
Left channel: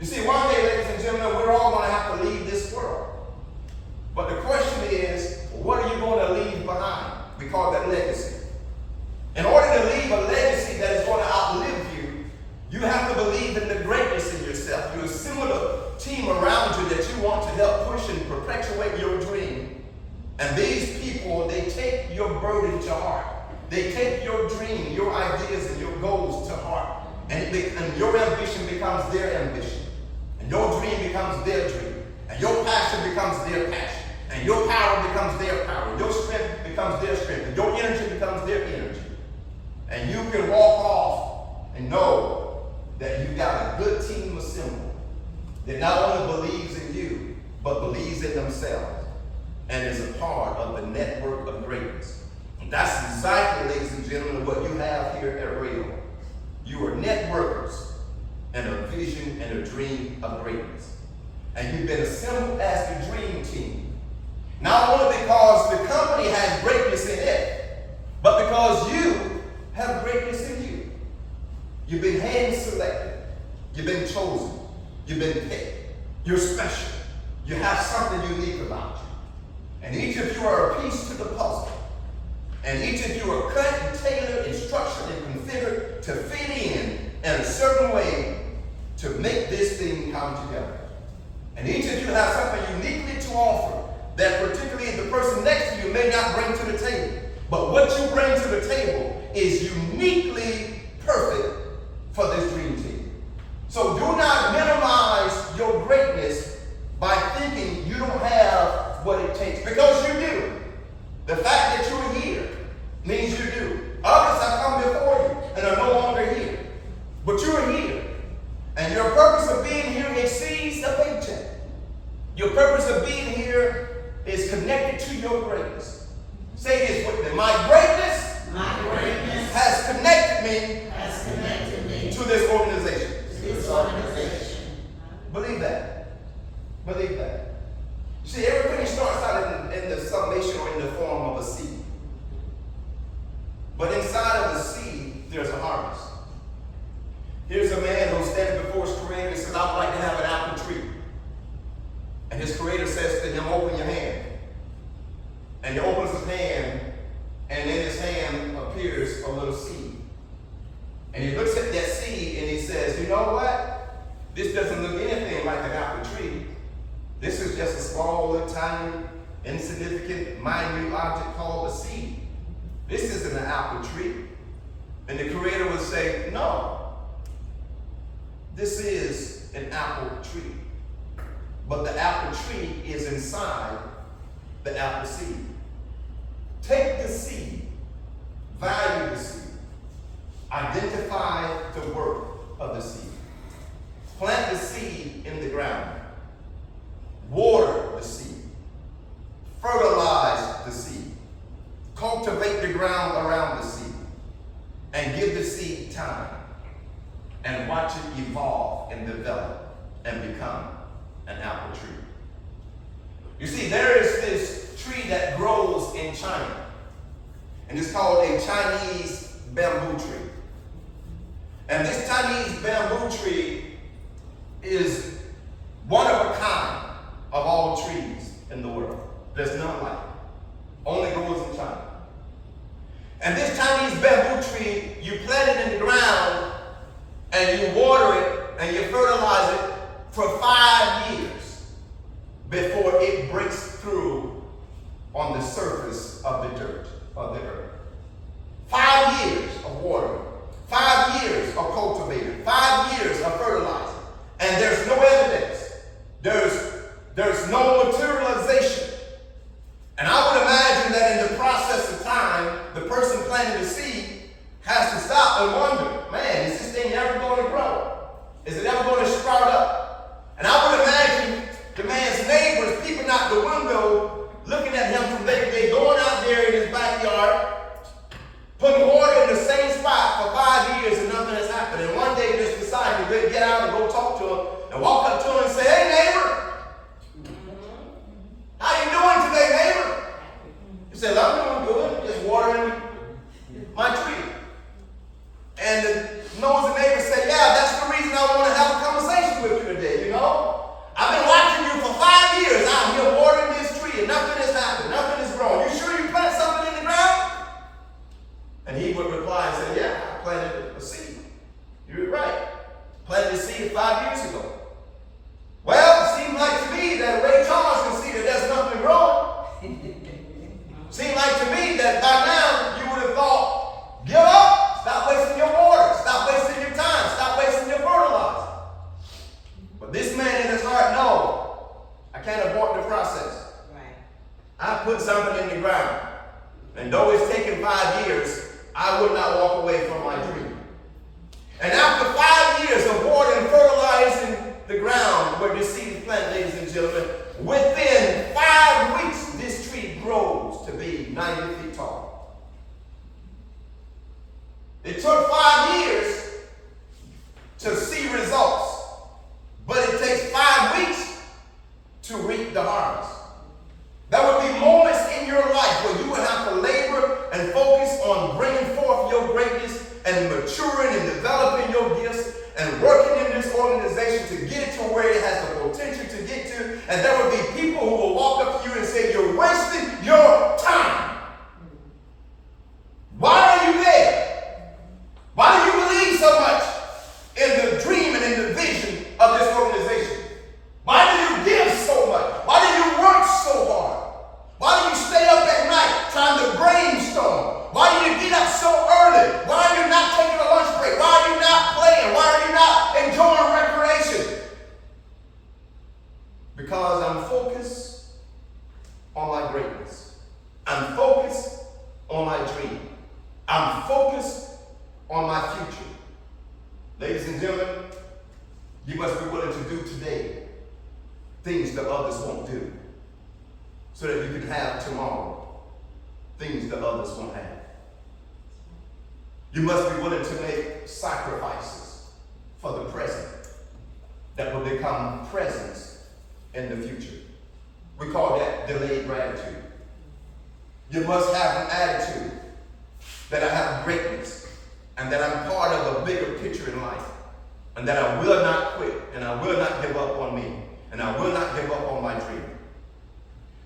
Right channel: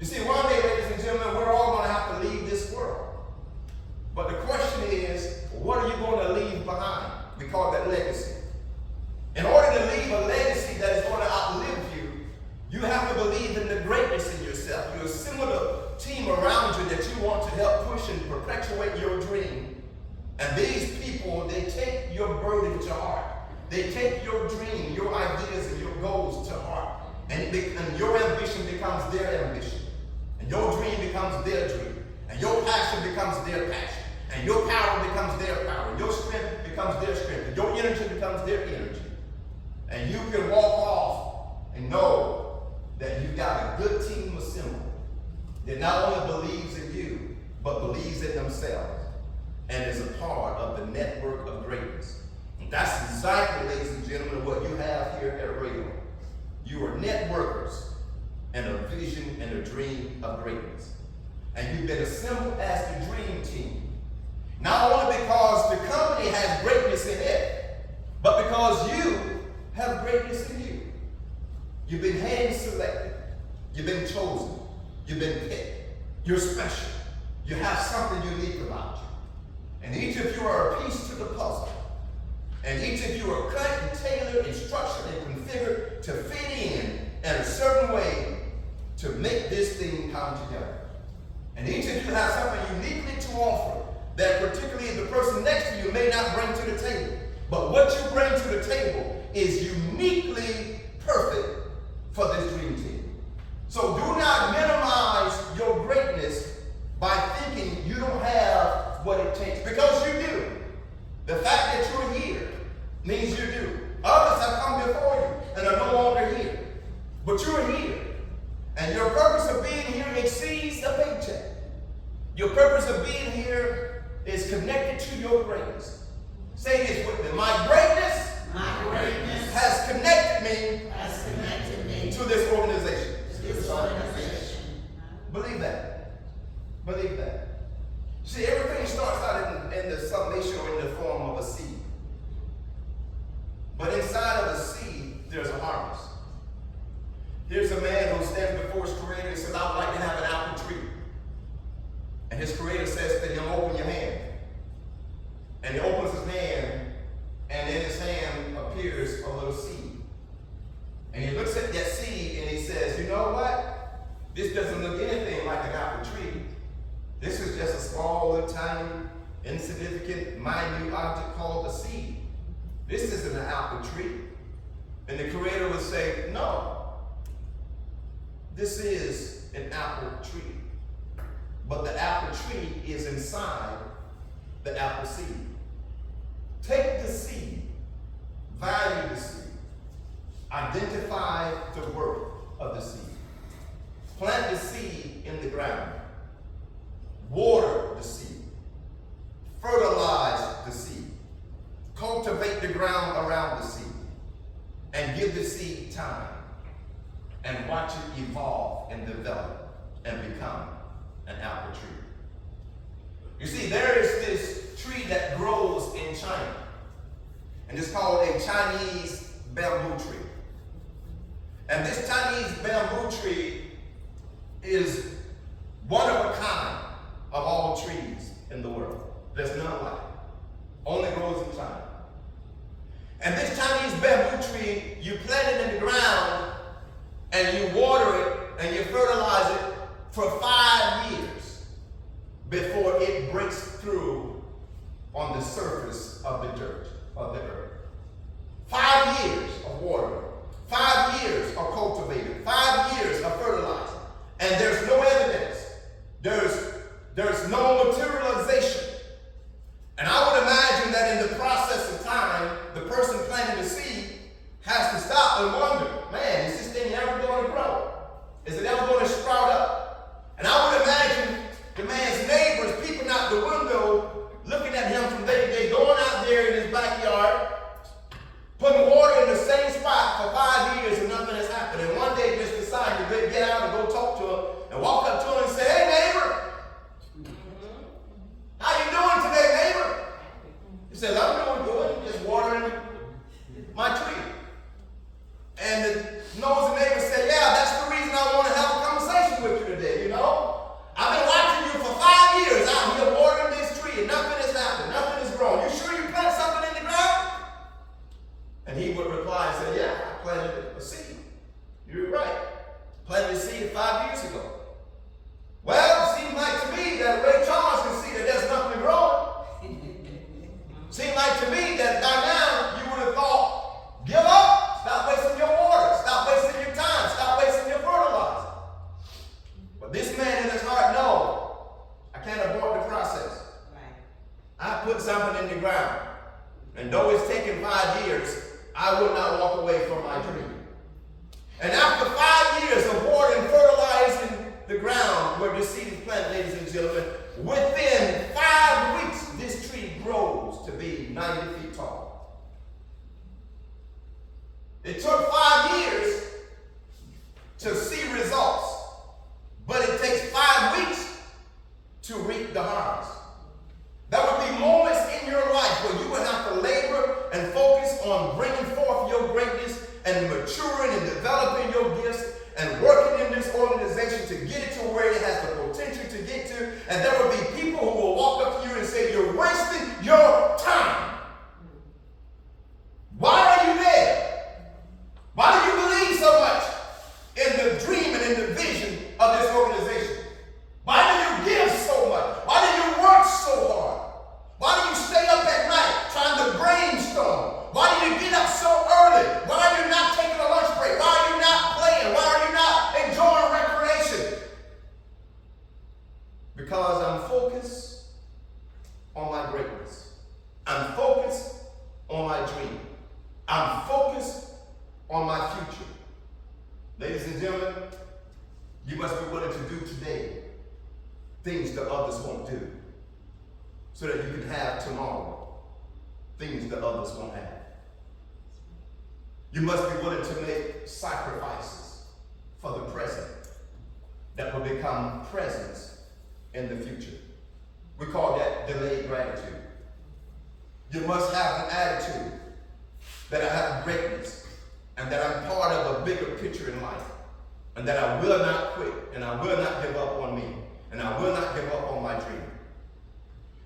You see, one day, ladies and gentlemen, we're all going to have to leave this world. But the question is, what are you going to leave behind? We call that legacy. In order to leave a legacy that is going to outlive you, you have to believe in the greatness in yourself. You assemble a team around you that you want to help push and perpetuate your dream. And these people, they take your burden to heart. They take your dream, your ideas, and your goals to heart. And your ambition becomes their ambition. And your dream becomes their dream. And your passion becomes their passion. And your power becomes their power. And your strength becomes their strength. And your energy becomes their energy. And you can walk off and know that you've got a good team assembled that not only believes in you, but believes in themselves and is a part of the network of greatness. And that's exactly, ladies and gentlemen, what you have here at Rio. You are networkers and a vision and a dream of greatness. And you've been assembled as the dream team. Not only because the company has greatness in it, but because you have greatness in you. You've been hand-selected. You've been chosen. You've been picked. You're special. You have something unique about you. And each of you are a piece to the puzzle. And each of you are cut and tailored and structured and configured to fit in a certain way to make this thing come together. And each of you has something uniquely to offer that particularly the person next to you may not bring to the table. But what you bring to the table is uniquely perfect for this dream team. So do not minimize your greatness by thinking you don't have what it takes, because you do. The fact that you're here means you do. Others have come before you and are no longer here. But you're here. And your purpose of being here exceeds a paycheck. Your purpose of being here is connected to your greatness. Say this with me. My greatness has connected me to this organization. Believe that. Believe that. See, everything starts out in the summation or in the form of a seed. But inside of a seed, there's a harvest. Here's a man who stands before his creator and says, I would like to have an apple tree. And his creator says to him, open your hand. And he opens his hand, and in his hand appears a little seed. And he looks at that seed and he says, you know what? This doesn't look anything like an apple tree. This is just a small, little, tiny, insignificant, minute object called a seed. This isn't an apple tree. And the creator would say, no, this is an apple tree. But the apple tree is inside the apple seed. Take the seed, value the seed, identify the worth of the seed. Plant the seed in the ground. Water the seed. Fertilize the seed. Cultivate the ground around the seed. And give the seed time. And watch it evolve and develop and become an apple tree. You see, there is this tree that grows in China. And it's called a Chinese bamboo tree. And this Chinese bamboo tree is one of a kind of all trees in the world. There's none like it. Only grows in China. And this Chinese bamboo tree, you plant it in the ground and you water it and you fertilize it for 5 years before it breaks through on the surface of the dirt, of the earth. 5 years of watering, 5 years of cultivating, 5 years of fertilizing, and there's no evidence. There's no materialization. And I would imagine that in the process of time, the person planting the seed has to stop and wonder, man, is this thing ever going to grow? Is it ever going to sprout up? And I would imagine the man's neighbors peeping out the window, looking at him from day to day, going out there in his backyard, putting water in the same spot for 5 years and nothing has happened. And one day just decide you better get out and go talk to him and walk up to him and say, hey neighbor, how you doing today, neighbor? He says, I'm doing good, just watering my tree. And the nosy neighbor said, yeah, that's the reason I want to have a conversation with you today, you know? I've been watching you for 5 years out here watering this tree and nothing has happened, nothing has grown. You sure you planted something in the ground? And he would reply and say, yeah, I planted a seed. You're right. Planted a seed 5 years ago. Well, it seems like to me that Ray Charles can see that there's nothing growing. Seems like to me that by now you would have thought, give up, stop wasting your water, stop wasting your time, stop wasting your fertilizer. But this man in his heart, no, I can't abort the process. Right. I put something in the ground. And though it's taken 5 years, I will not walk away from my dream. And after 5 years of watering, fertilizing the ground where this seed is planted, ladies and gentlemen, within 5 weeks, this tree grows to be 90 feet tall. It took 5 years to see results, but it takes 5 weeks to reap the harvest. There would be moments in your life where you would have to labor and focus on bringing forth your greatness and maturing and developing your gifts and working in this organization to get it to where it has the potential to get to. And there would be people who will walk up to you and say, you're wasting your time. Why are you there? Why do you believe so much in the dream and in the vision of this organization? Why do you give so much? Why do you work so hard? Why do you stay up at night trying to brainstorm? Why do you get up so early? Why are you not taking a lunch break? Why are you not playing? Why are you not enjoying recreation? Because I'm focused on my greatness. I'm focused on my dream. I'm focused on my future. Ladies and gentlemen, you must be willing to do today things that others won't do, so that you can have tomorrow things that others won't have. You must be willing to make sacrifices for the present that will become presence in the future. We call that delayed gratitude. You must have an attitude that I have greatness and that I'm part of a bigger picture in life, and that I will not quit and I will not give up on me and I will not give up on my dream.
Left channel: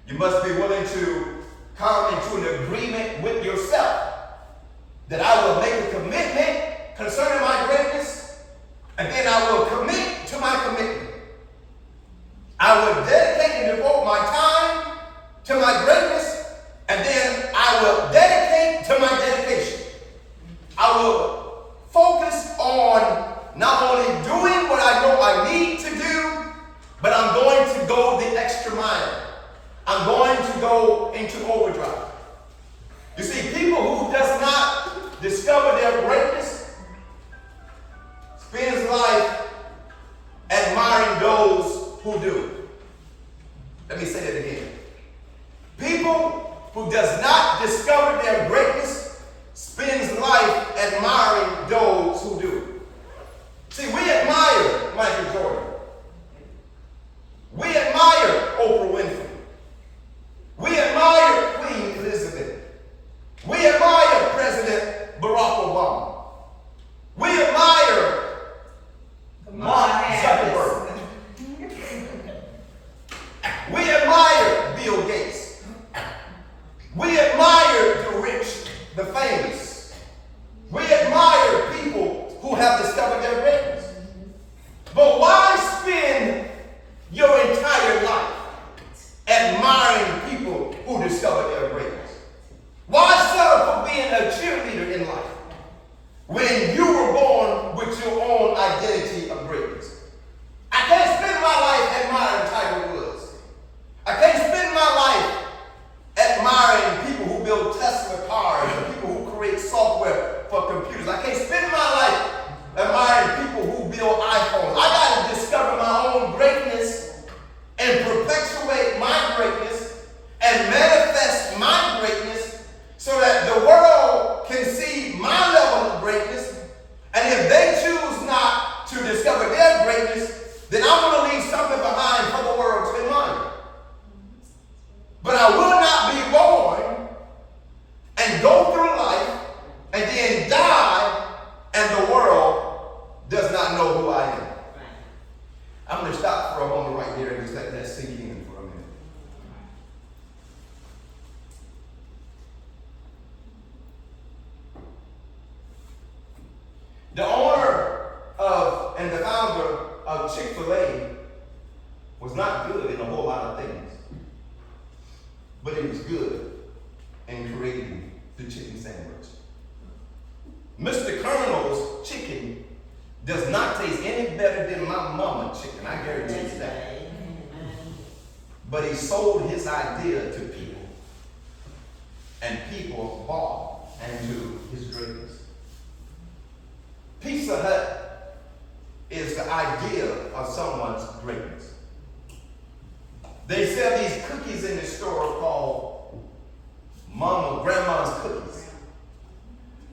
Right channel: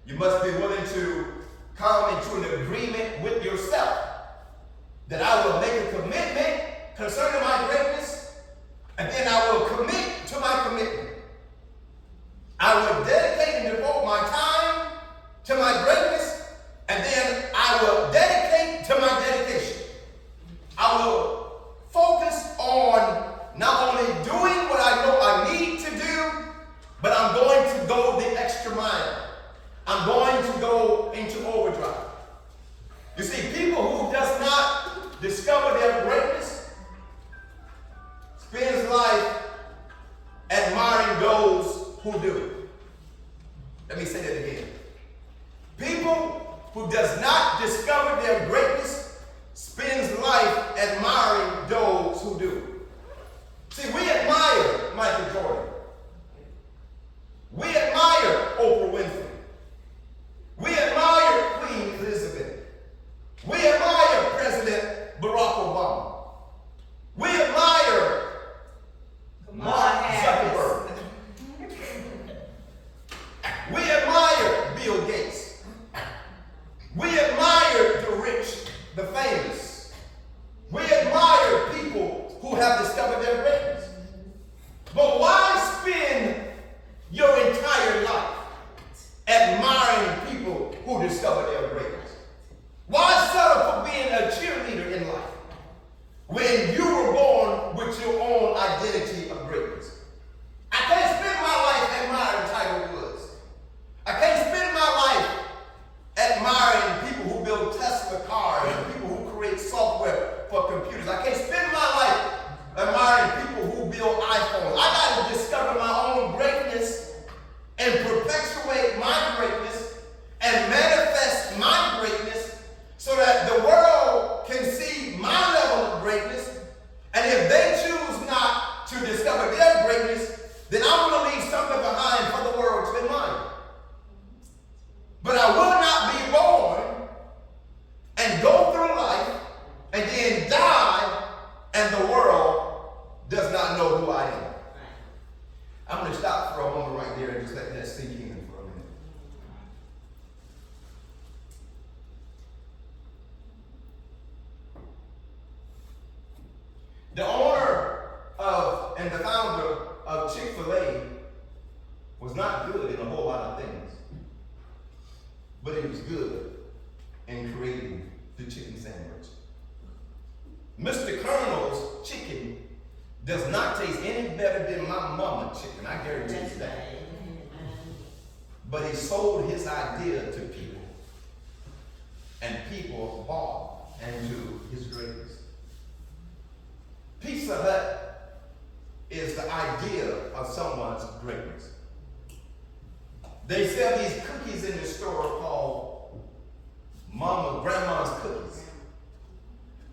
You must be willing to come into an agreement with yourself that I will make a commitment concerning my greatness, and then I will commit to my commitment. I will dedicate and devote my time to my greatness, and then I will dedicate to my dedication. I will focus on not only doing what I know I need to do, but I'm going to go the extra mile. I'm going to go into overdrive. You see, people who does not discover their greatness spends life admiring those who do. Let me say that again. People who does not discover their greatness spends life admiring those who do. See, we admire Michael Jordan. We admire Oprah Winfrey. We admire Queen Elizabeth. We admire President Barack Obama. We admire Mark Zuckerberg. We admire Bill Gates. We admire the rich, the famous. We admire people who have discovered their greatness. But why spend your entire life admiring people who discover their greatness? Why settle for being a cheerleader in life when you were born with your own identity of greatness? I can't spend my life admiring Tiger Woods. I can't spend my life admiring people who build Tesla cars or people who create software for computers. I can't spend my life admiring people who build iPhones. I got to discover my own greatness and perpetuate my greatness and manifest my greatness so that the world can see then die, and the world does not know who I am. Right. I'm going to stop for a moment right there and just let that sink in for a minute. The owner of and the founder of Chick-fil-A was not good in a whole lot of things, but he was good in creating the chicken sandwich. Mr. Colonel's chicken does not taste any better than my mama chicken, I guarantee you that. But he sold his idea to people, and people bought into his greatness. Pizza Hut is the idea of someone's greatness. They sell these cookies in the store called Grandma's Cookies.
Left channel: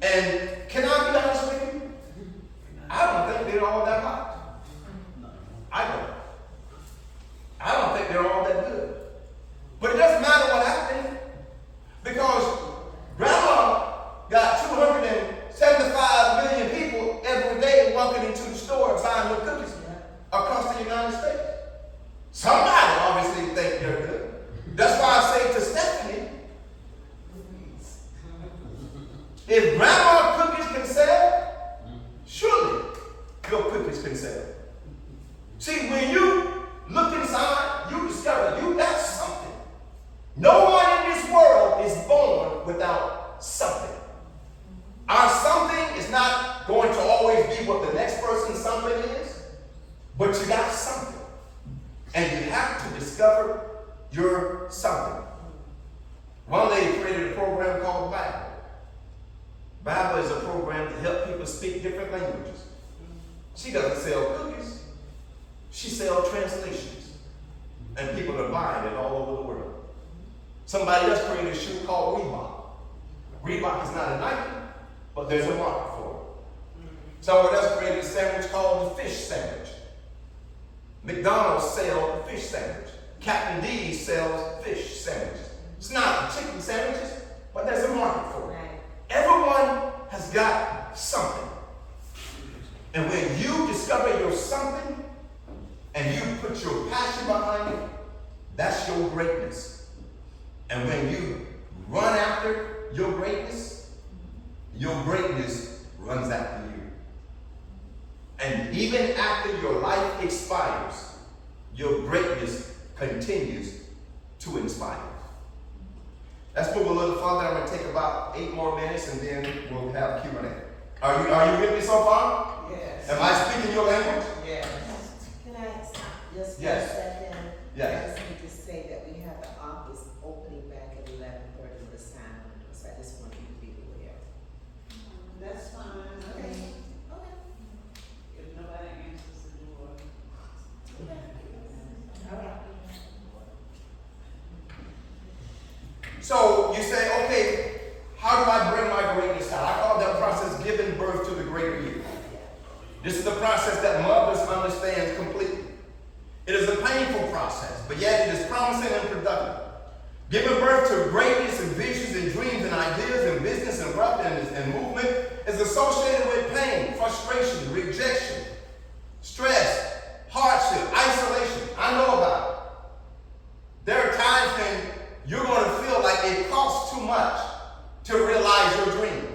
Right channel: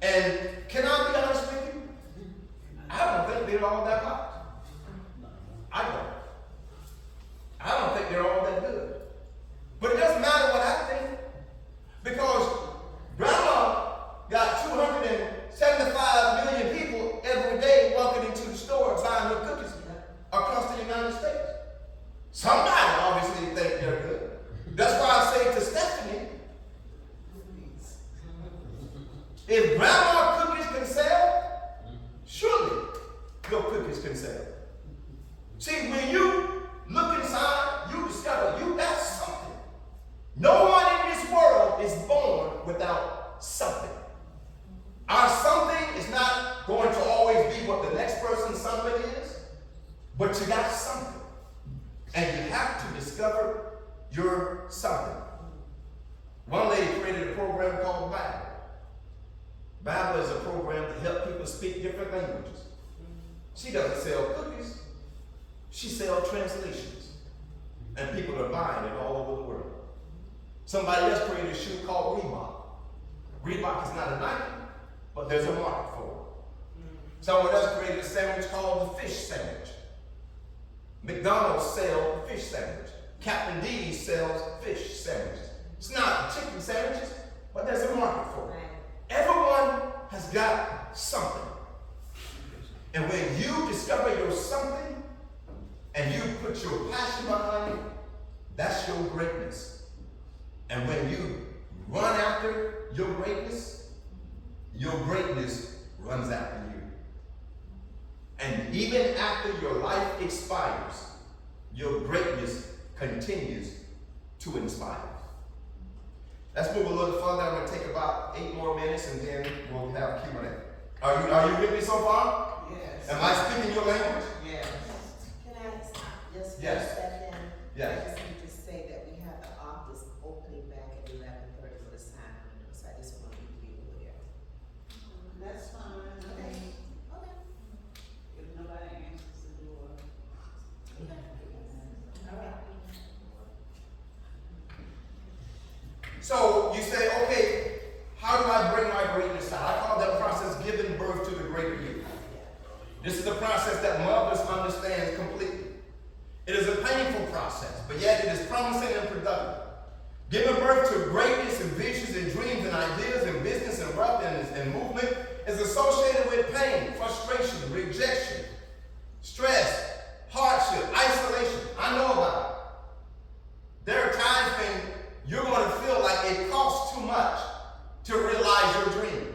And can I be honest with you? I don't think they're all that hot. I don't think they're all that good. But it doesn't matter what I think, because Grandma got 275 million people every day walking into the store buying your cookies across the United States. Somebody obviously think they're good. That's why I say to Stephanie, if Grandma cookies can sell, surely your cookies can sell. See, when you look inside, you discover you got something. No one in this world is born without something. Our something is not going to always be what the next person's something is, but you got something. And you have to discover your something. One lady created a program called Bible. Bible is a program to help people speak different languages. She doesn't sell cookies. She sells translations. And people are buying it all over the world. Somebody else created a shoe called Reebok. Reebok is not a Nike, but there's a market for it. Someone else created a sandwich called the fish sandwich. McDonald's sells the fish sandwich. Captain D's sells fish sandwiches. It's not chicken sandwiches, but there's a market for it. Everyone has got something. And when you discover your something and you put your passion behind it, that's your greatness. And when you run after your greatness runs after you. And even after your life expires, your greatness continues to inspire. Let's move a little further. I'm going to take about 8 more minutes and then we'll have Q&A. Are you with me so far? Yes. Am I speaking your language? Yes. Can I just Yes. step in? Yes. I just need to say that we have the office opening back at 11:30 for the sign window, so I just want you to be aware. That's fine. Okay. If nobody answers the door. All right. So you say, okay, how do I bring my greatness out? I call that process giving birth to the greater you. This is the process that mothers understand completely. It is a painful process, but yet it is promising and productive. Giving birth to greatness and visions and dreams and ideas and business and wealth and movement is associated with pain, frustration, rejection, stress, hardship, isolation. I know about it. There are times when you're going to feel like it costs too much to realize your dream.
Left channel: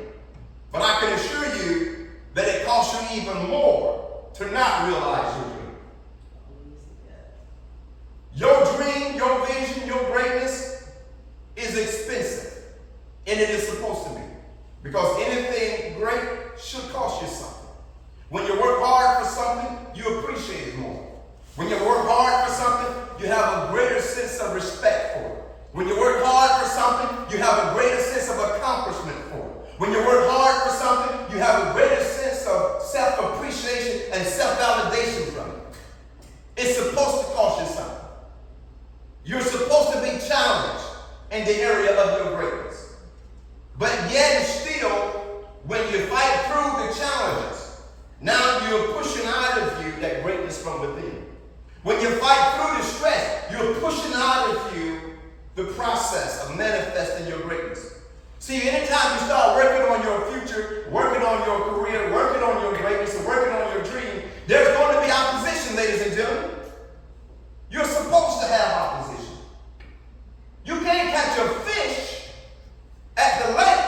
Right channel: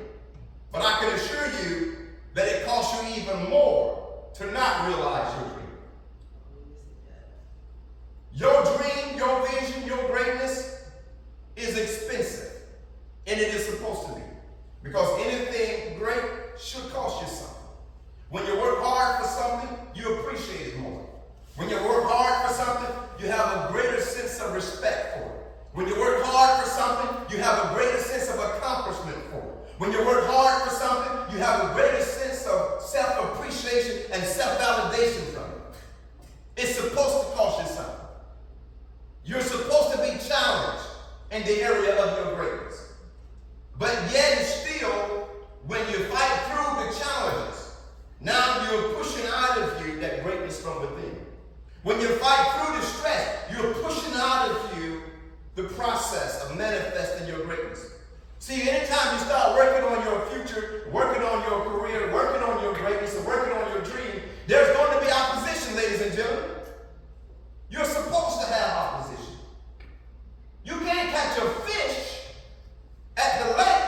But I can assure you that it costs you even more to not realize your dream. Your dream, your vision, your greatness is expensive. And it is supposed to be. Because anything great should cost you something. When you work hard for something, you appreciate it more. When you work hard for something, you have a greater sense of respect for it. When you work hard for something, you have a greater sense of accomplishment for it. When you work hard for something, you have a greater sense of self-appreciation and self-validation from it. It's supposed to cost you something. You're supposed to be challenged in the area of your greatness. But yet still, when you fight through the challenges, now you're pushing out of you that greatness from within. When you fight through the stress, you're pushing out of you the process of manifesting your greatness. See, anytime you start working on your future, working on your career, working on your greatness, and working on your dream, there's going to be opposition, ladies and gentlemen. You're supposed to have opposition. You can't catch a fish at the lake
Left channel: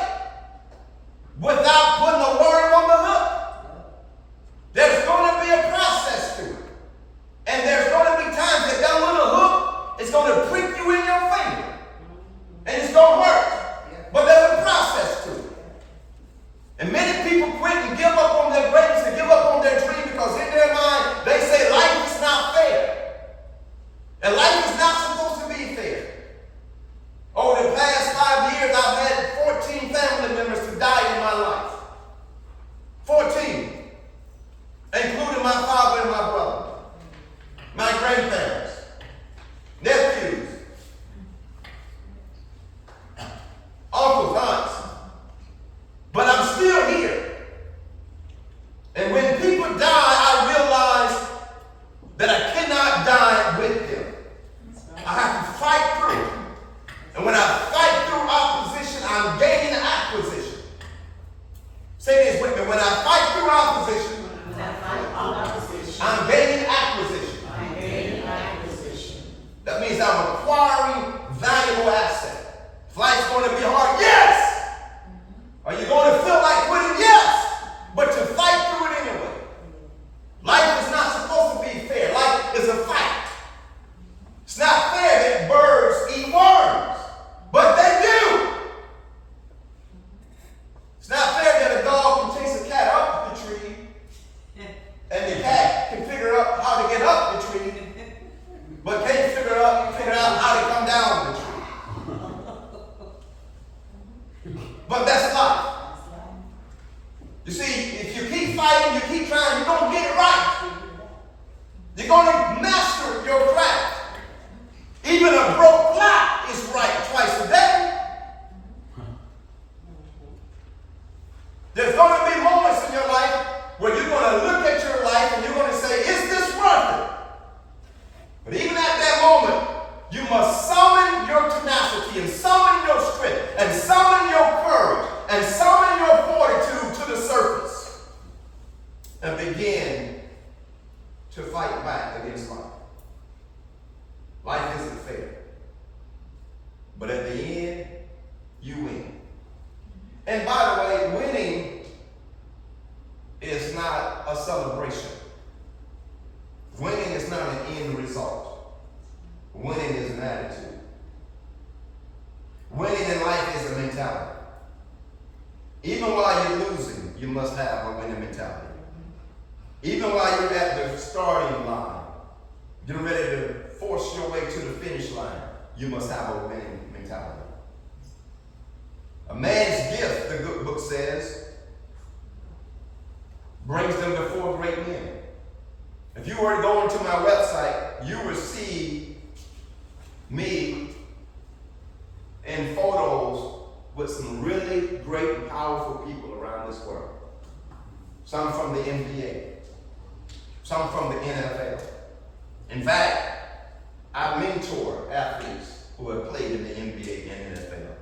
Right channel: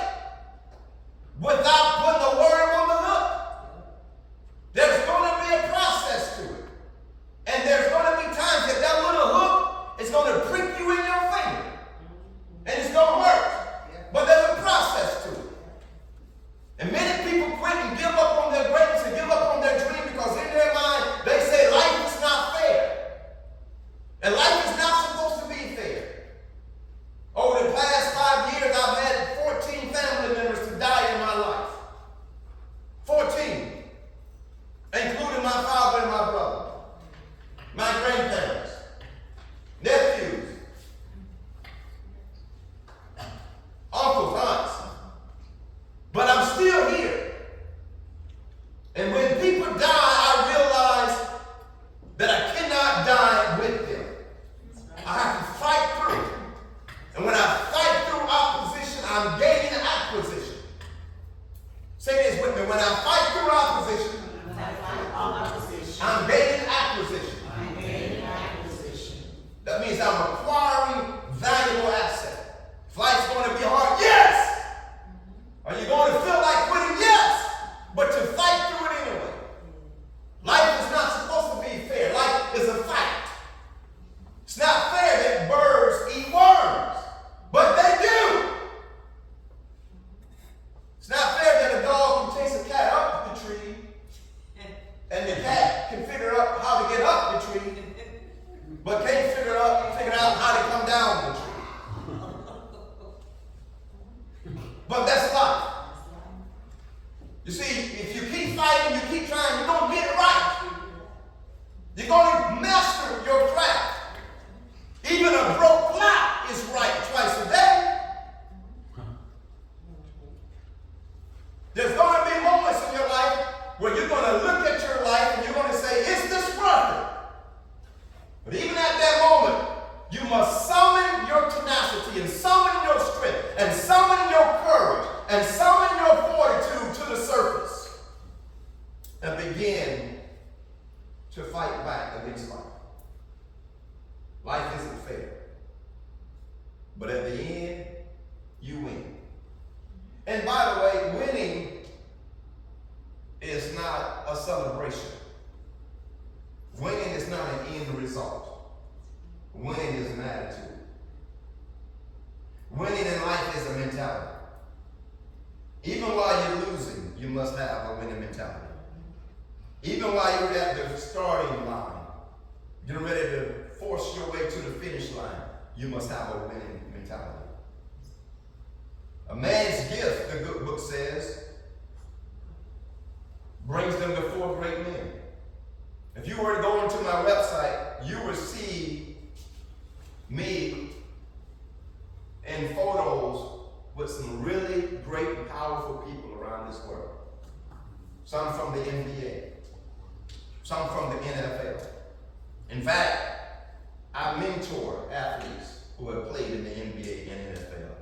without putting a worm on the hook. There's going to be a process to it. And there's going to be times that that little hook is going to prick you in your finger. And it's going to hurt. But there's a process to it. And many people quit and give up on their greatness and give up on their dream because in their mind they say life is not fair. And life is not supposed to be fair. Over the past 5 years, I've had 14 family members to die in my life. 14. Including my father and my brother. My grandparents. Nephews. Uncles, aunts. But I'm still here. And when people die, I realize that I cannot die with them. I have to fight through it. And when I fight through opposition, I'm gaining acquisition. Say this with me. When I fight through opposition, I'm gaining acquisition. That means I'm acquiring valuable asset. Life's going to be hard. Yes! Are you going to feel like quitting? Yes! But to fight through it anyway. Life is not supposed to be fair. Life is a fight. It's not fair that birds eat worms, but they do. It's not fair that a dog can chase a cat up the tree and the cat can figure out how to get up the tree, but can't figure out how to come down the tree. But that's life. You see, if you keep fighting, you keep trying, you're going to get it right. You're going to master your craft. Even a broke clock is right twice a day. There's going to be moments in your life where you're going to look at your life and you're going to say, is this worth it? But even at that moment, you must summon your tenacity and summon your strength and summon your courage and summon your fortitude to the surface and begin to fight back against life. Life isn't fair. But at the end, you win. And by the way, winning is not a celebration. Winning is not an end result. Winning is an attitude. Winning in life is a mentality. Even while you're losing, you must have a winning mentality. Even while you're at the starting line, getting ready to force your way to the finish line, you must have a winning mentality. A man's gift, the good book says, brings them before great men. If you were to go into my website, you will see me in photos with some really great and powerful people around this world. Some from the NBA, some from the NFL. In fact, I mentor athletes who have played in the NBA and NFL.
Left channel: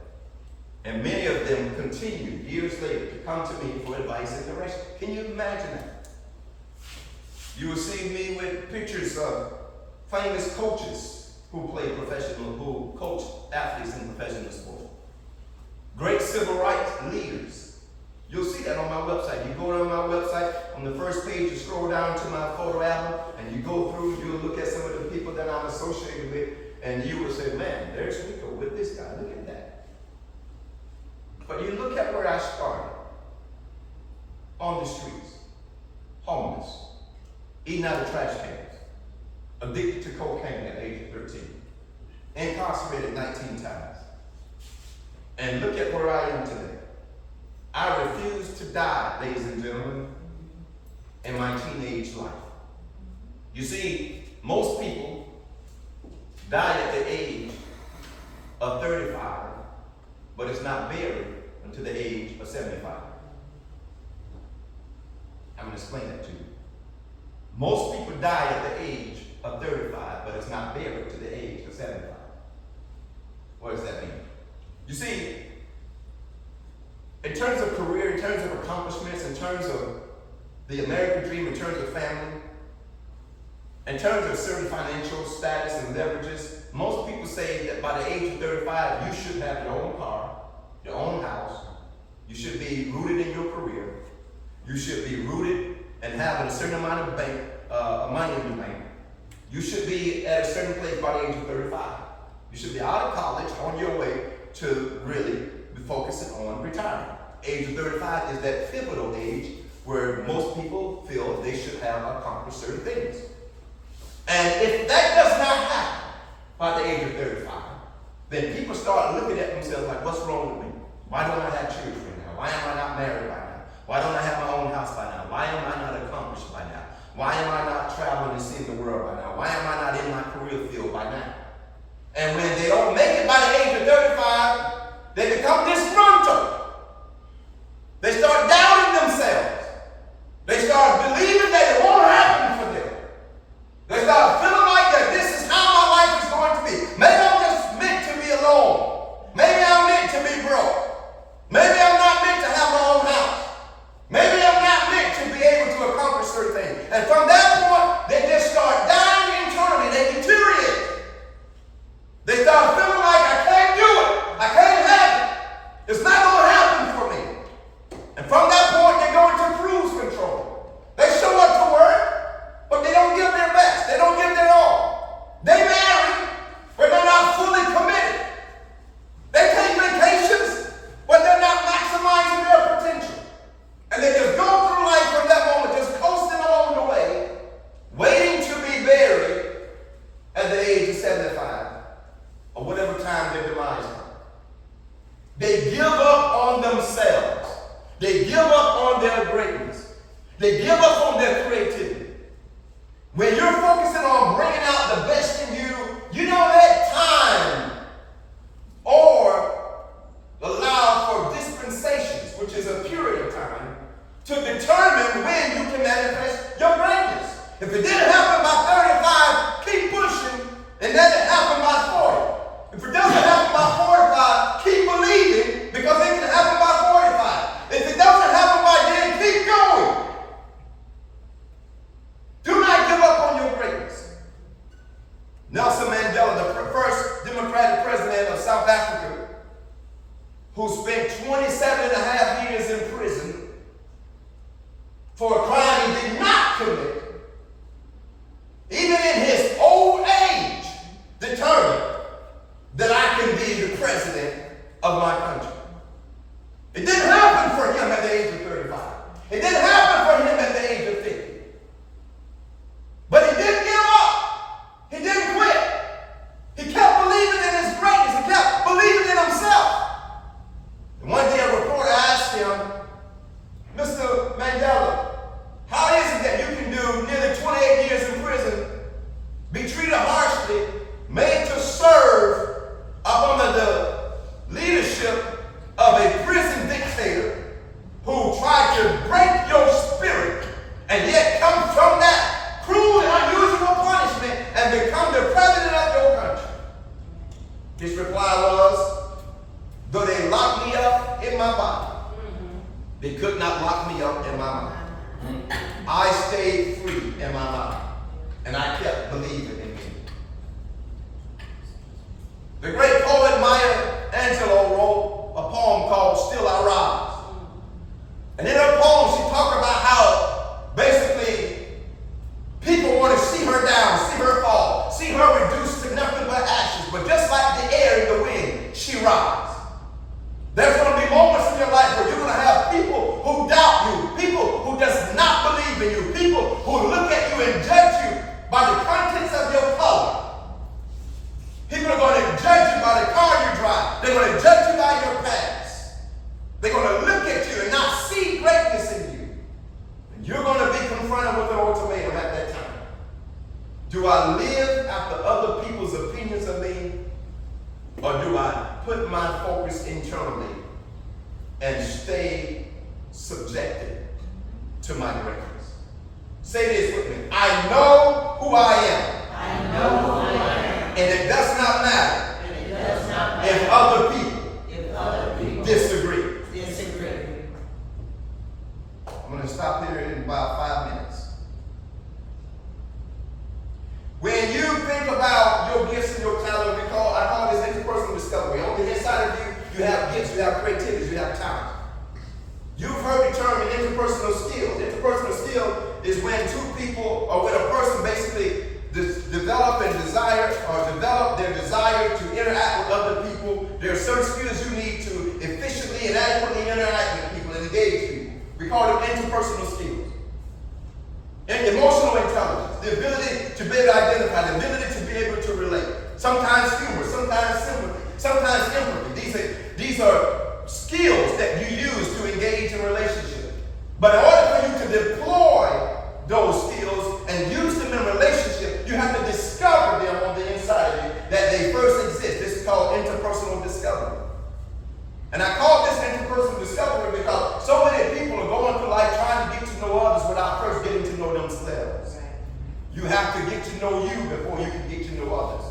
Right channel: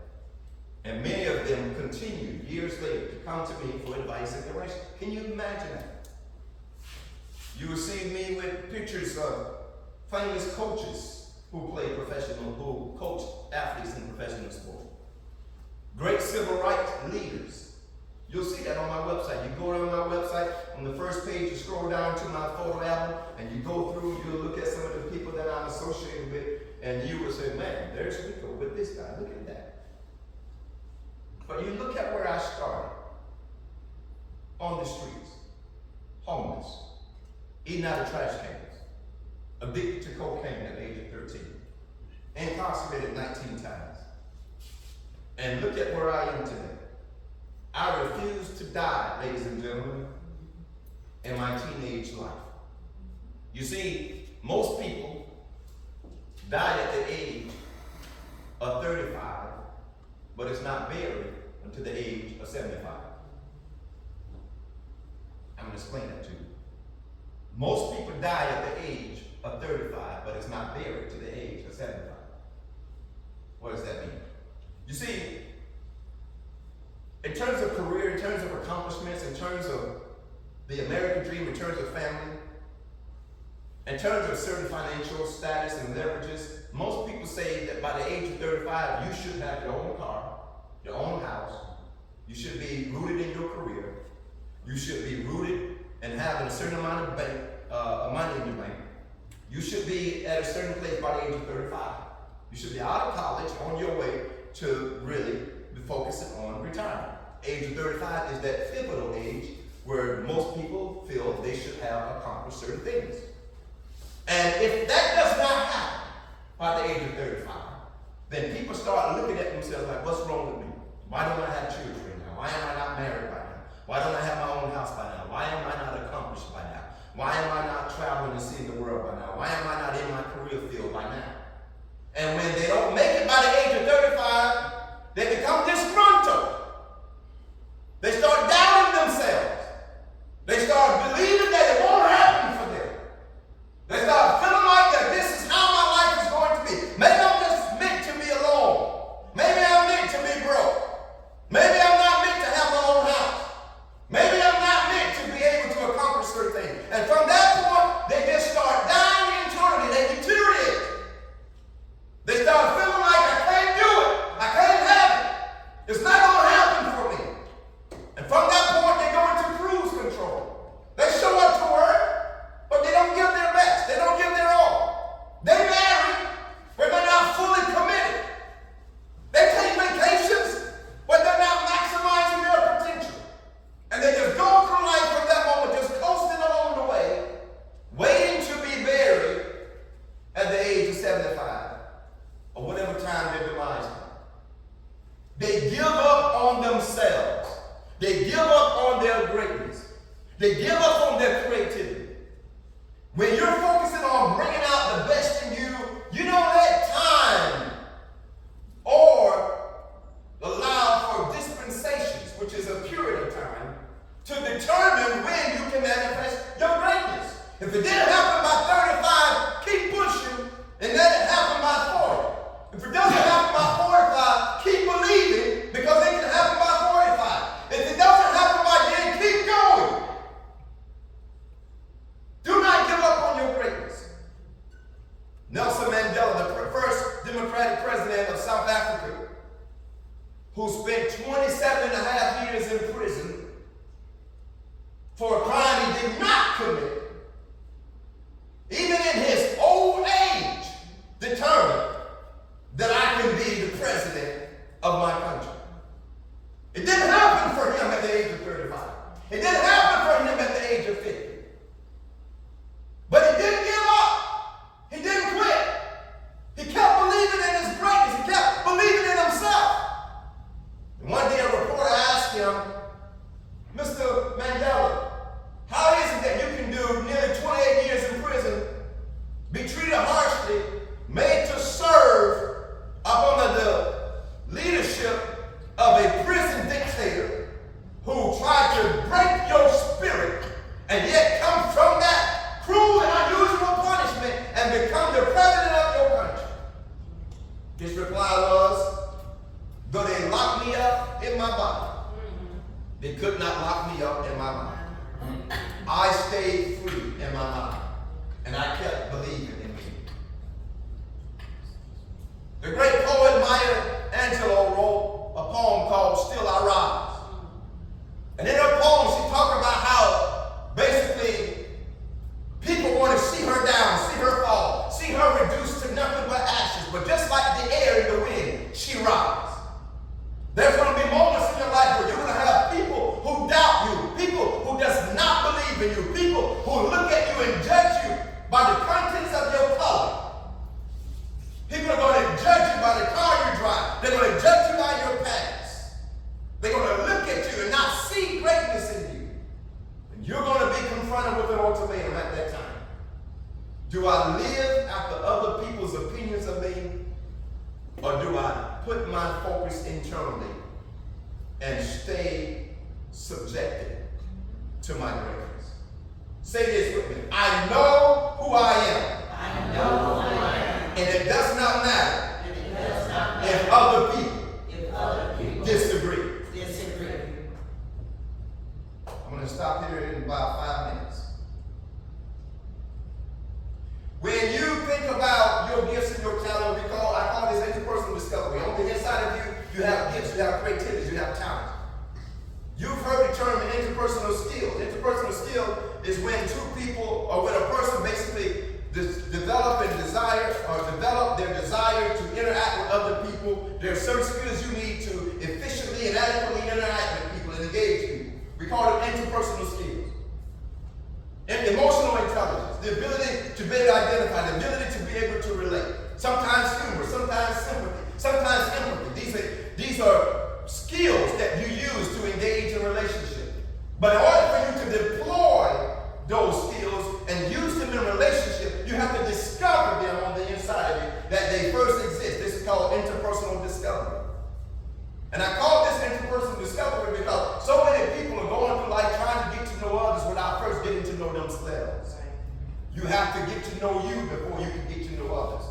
And many of them continue years later to come to me for advice and direction. Can you imagine that? You will see me with pictures of famous coaches who coach athletes in professional sport. Great civil rights leaders. You'll see that on my website. You go to my website, on the first page, you scroll down to my photo album, and you go through, you'll look at some of the people that I'm associated with, and you will say, man, there's Rico with this guy. Look at that. But you look at where I started. On the streets. Homeless. Eating out of trash cans. Addicted to cocaine at the age of 13. Incarcerated 19 times. And look at where I am today. I refuse to die, ladies and gentlemen, in my teenage life. You see, most people die at the age of 35, but it's not buried until the age of 75. I'm going to explain that to you. Most people die at the age of 35, but it's not buried to the age of 75. What does that mean? You see, in terms of career, in terms of accomplishments, in terms of the American dream, in terms of family, in terms of certain financial status and leverages, most people say that by the age of 35, you should have your own car, your own house. You should be rooted in your career. You should be rooted and having a certain amount of money in your bank. You should be at a certain place by the age of 35. You should be out of college on your way to really be focusing on retirement. Age of 35 is that pivotal age where most people feel they should have accomplished certain things. And if that does not happen by the age of 35, then people start looking at themselves like, what's wrong with me? Why don't I have children now? Why am I not married by now? Why don't I have my own house by now? Why am I not accomplished by now? Why am I not traveling and seeing the world by now? Why am I not in my career field by now? And when they don't make it by the age of 35, they become disgruntled. They start doubting themselves. They start believing that it won't happen for them. They start feeling like that this is how my life is going to be. Maybe I'm just meant to be alone. Maybe I'm meant to be broke. Maybe I'm not meant to have my own house. Maybe I'm not meant to be able to accomplish certain things. And from that point, they just start dying internally. They deteriorate. They start feeling like I can't do it. I can't have it. It's not going to happen for me. And from that point, they go into cruise control. They show up to work, but they don't give their best. They don't give their all. They marry, but they're not fully committed. They take vacations, but they're not maximizing their potential. And they just go through life from that moment, just coasting along the way, waiting to be buried at the age of 75, or whatever time their demise comes. They give up on themselves. They give up on their greatness. They give up on their creativity. When you're focusing on bringing out the best in you, you don't let time or allow for dispensations, which is a period of time, to determine when you can manifest your greatness. If it didn't happen by 35, keep pushing and let it happen by 40. If it doesn't happen by 45, keep believing because it can happen by 45. If it doesn't happen by then, keep going. Do not give up on your greatness. Nelson Mandela, the first Democratic president of South Africa, who spent 27 and a half years in prison for a crime he did not commit, even in his old age, determined that I can be the president of my country. It didn't happen for him at the age of 35. It didn't happen for him at the age of 50. But he didn't give up. He didn't quit. He kept believing in his greatness. He kept believing in himself. And one day a reporter asked him, Mr. Mandela, how is it that you can do nearly 28 years in prison, be treated harshly, made to serve up under the leadership of a prison dictator who tried to break your spirit and yet come from that cruel and unusual punishment and become the president of your country? His reply was, though they locked me up in my body, they could not lock me up in my mind. I stayed free in my mind, and I kept believing in me. The great poet Maya Angelou wrote a poem called Still I Rise. And in her poem, she talked about how basically people want to see her down, see her fall, see her reduced to nothing but ashes. But just like the air and the wind, she rises. There's going to be moments in your life where you're going to have people who doubt you, people who does not believe in you, people who look at you and judge you by the contents of your color. People are going to judge you by the car you drive. They're going to judge you by your past. They're going to look at you and not see greatness in you. And you're going to be confronted with an ultimatum at that time. Do I live after other people's opinions of me? Or do I put my focus internally and stay subjected to my greatness? Say this with me. I know who I am. I know who I am. And it does not matter And it does not matter if other people if other people disagree. disagree. I'm going to stop here in about 5 minutes. When you think about your gifts and your talent, I call this interpersonal discovery. On the inside of you, you have gifts, you have creativity, you have talent. You've heard the term interpersonal skills. Interpersonal skill is when two people, or when a person basically develop their desire to interact with other people. There are certain skills you need to efficiently and adequately interact with people and engage people. We call them interpersonal skills. And emotional intelligence, the ability to be able to identify, the ability to be able to relate. Sometimes humor, sometimes sympathy, sometimes empathy. These are skills that you use to engage in relationship. But in order for you to deploy those skills and use them in relationship, you have to discover them on the inside of you, that they first exist. This is called interpersonal discovery. And I call this interpersonal discovery because so many people are going through life trying to get to know others without first getting to know themselves. You have to get to know you before you can get to know others.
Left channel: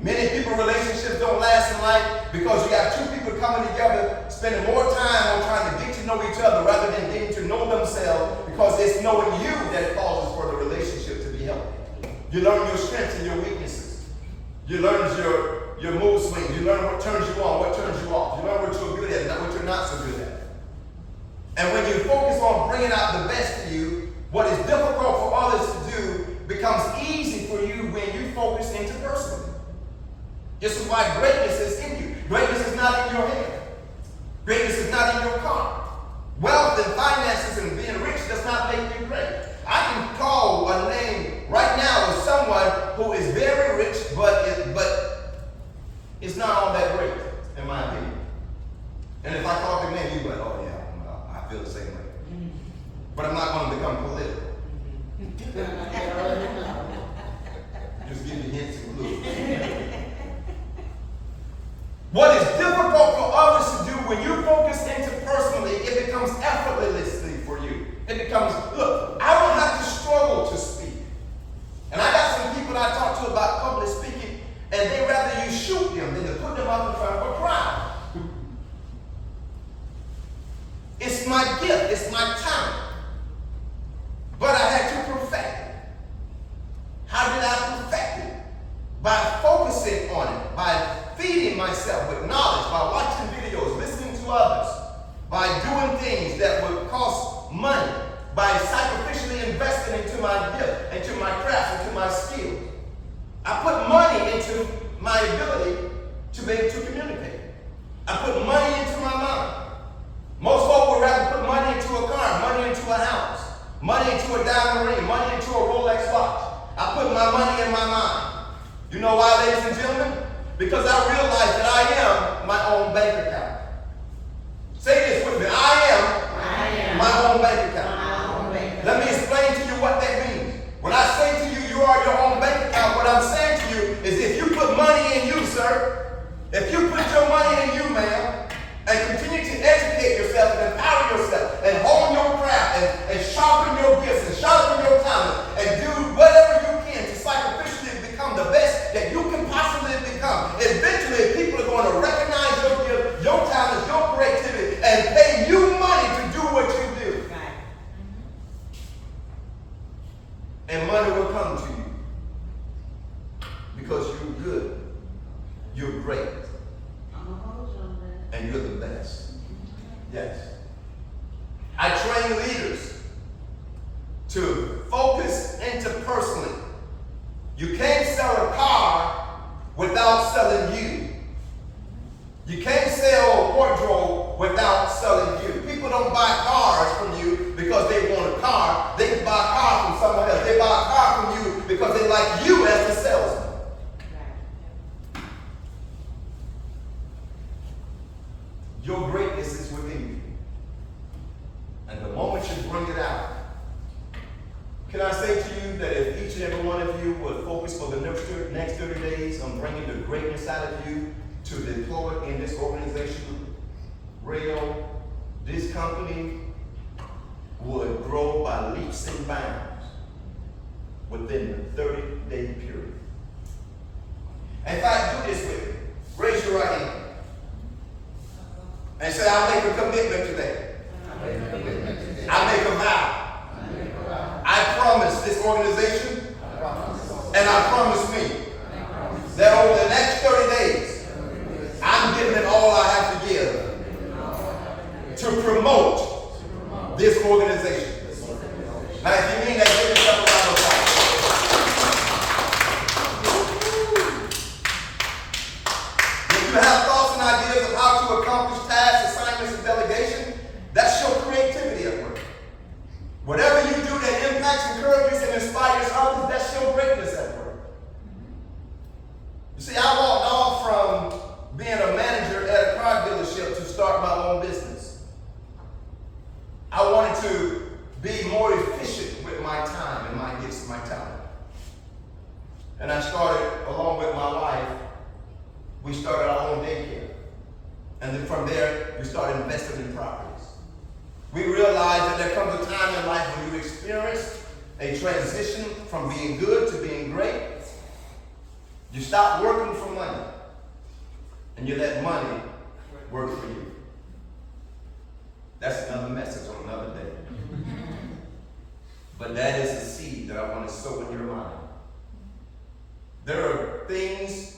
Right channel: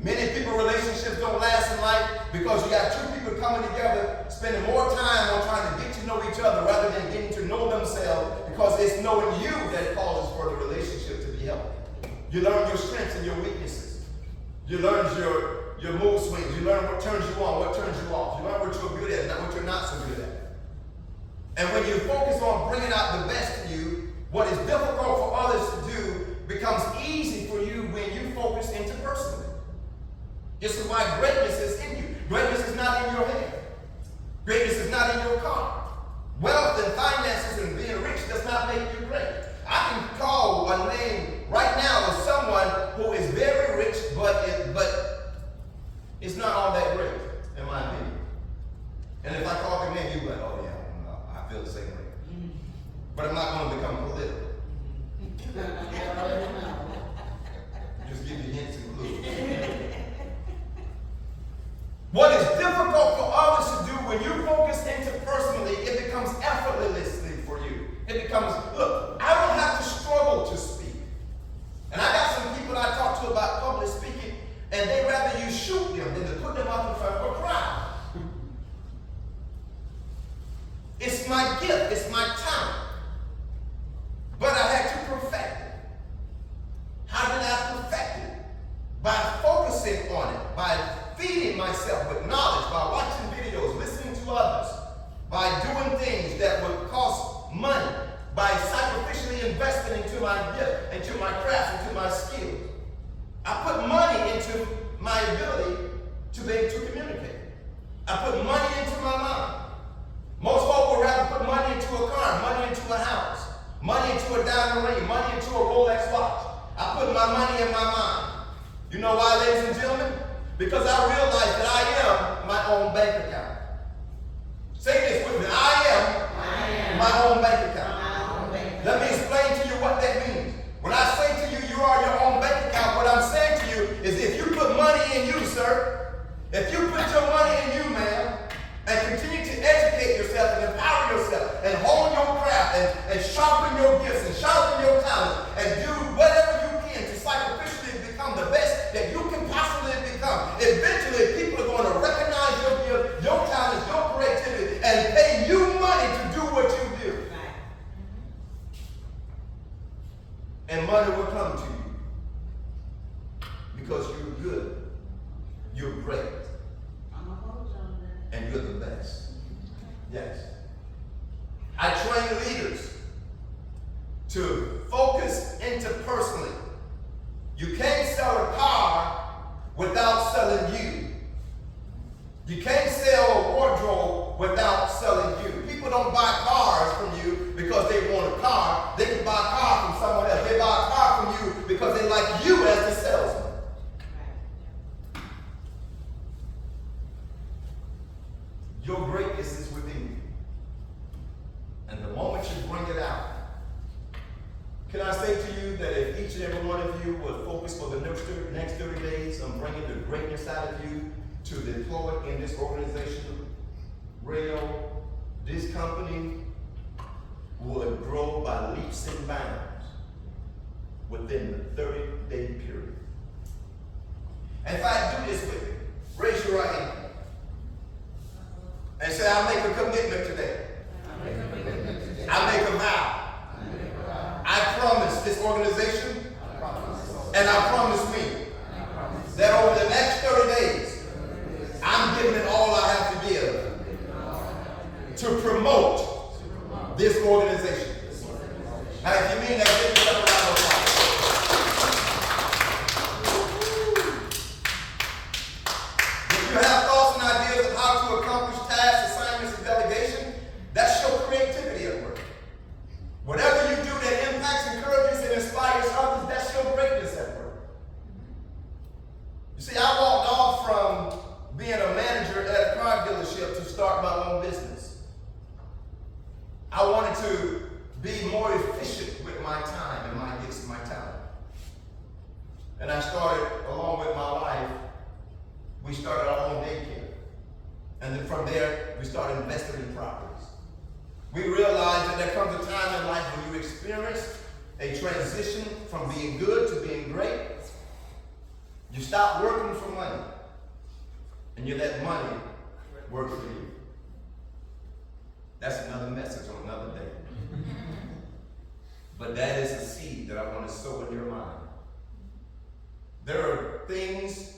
Many people, relationships don't last in life because you got two people coming together, spending more time on trying to get to know each other rather than getting to know themselves, because it's knowing you that causes for the relationship to be healthy. You learn your strengths and your weaknesses. You learn your mood swings. You learn what turns you on, what turns you off. You learn what you're good at, not what you're not so good at. And when you focus on bringing out the best in you, what is difficult for others to do becomes easy for you when you focus interpersonally. This is why greatness is in you. Greatness is not in your head. Greatness is not in your car. Wealth and finances and being rich does not make you great. I can call a name right now of someone who is very rich, but it's not all that great, in my opinion. And if I call their name, you go, oh yeah, well, I feel the same way. But I'm not going to become political. Just give you hints and clues. What is difficult for others to do when you focus interpersonally, it becomes effortlessly for you. It becomes, look, I don't have to struggle to speak. And I got some people I talk to about public speaking, and they rather you shoot them than to put them up in front of a crowd. It's my gift, it's my talent. But I had to perfect it. How did I perfect it? By focusing on it, by feeding myself with knowledge, by watching videos, listening to others, by doing things that would cost money, by sacrificially investing into my gift, into my craft, into my skills. I put money into my ability to be able to communicate. I put money into my mind. Most folks would rather put money into a car, money into a house, money into a diamond ring, money into a Rolex watch. I put my money in my mind. You know why, ladies and gentlemen? Because I realize that I am my own bank account. Say this with me. I am my own bank account. Let me explain to you what that means. When I say to you, you are your own bank account, what I'm saying to you is if you put money in you, sir, if you put your money in you, ma'am, and continue to educate yourself and empower yourself and hone your craft and sharpen your gifts and sharpen your talent and do whatever you can to sacrificially become the best that you can possibly become. Eventually, people are going to recognize your gift, your talent, your creativity, and pay you money to do what you do. Right. And money will come to you because you're good, you're great, I'm gonna hold you on that. and you're the best. Yes. I train leaders to focus interpersonally. You can't sell a car without selling you. You can't sell a wardrobe without selling you. People don't buy cars from you because they want a car. They can buy a car from someone else. They buy a car from you because they like you as the salesman. Your greatness is within you. And the moment you bring it out, can I say to you that if each and every one of you would focus for the next 30 days on bringing the greatness out of you to deploy in this organization, Rail, this company would grow by leaps and bounds within the 30-day period. In fact, do this with me. Raise your right hand. And say, I'll make a commitment today. I make a vow Now, if you mean that, give yourself a round of applause. If you have thoughts and ideas of how to accomplish tasks, assignments, and delegation, that's your creativity at work. Whatever you do that impacts, encourages, and inspires others, that's your greatness at work. You see, I walked off from being a manager at a car dealership to start my own business. I wanted to be more efficient with my time and my gifts and my talent. And I started, along with my wife, we started our own daycare. And then from there, we started investing in properties. We realized that there comes a time in life when you experience a transition from being good to being great. You stop working for money, and you let money work for you. That's another message on another day. But that is a seed that I want to sow in your mind. There are things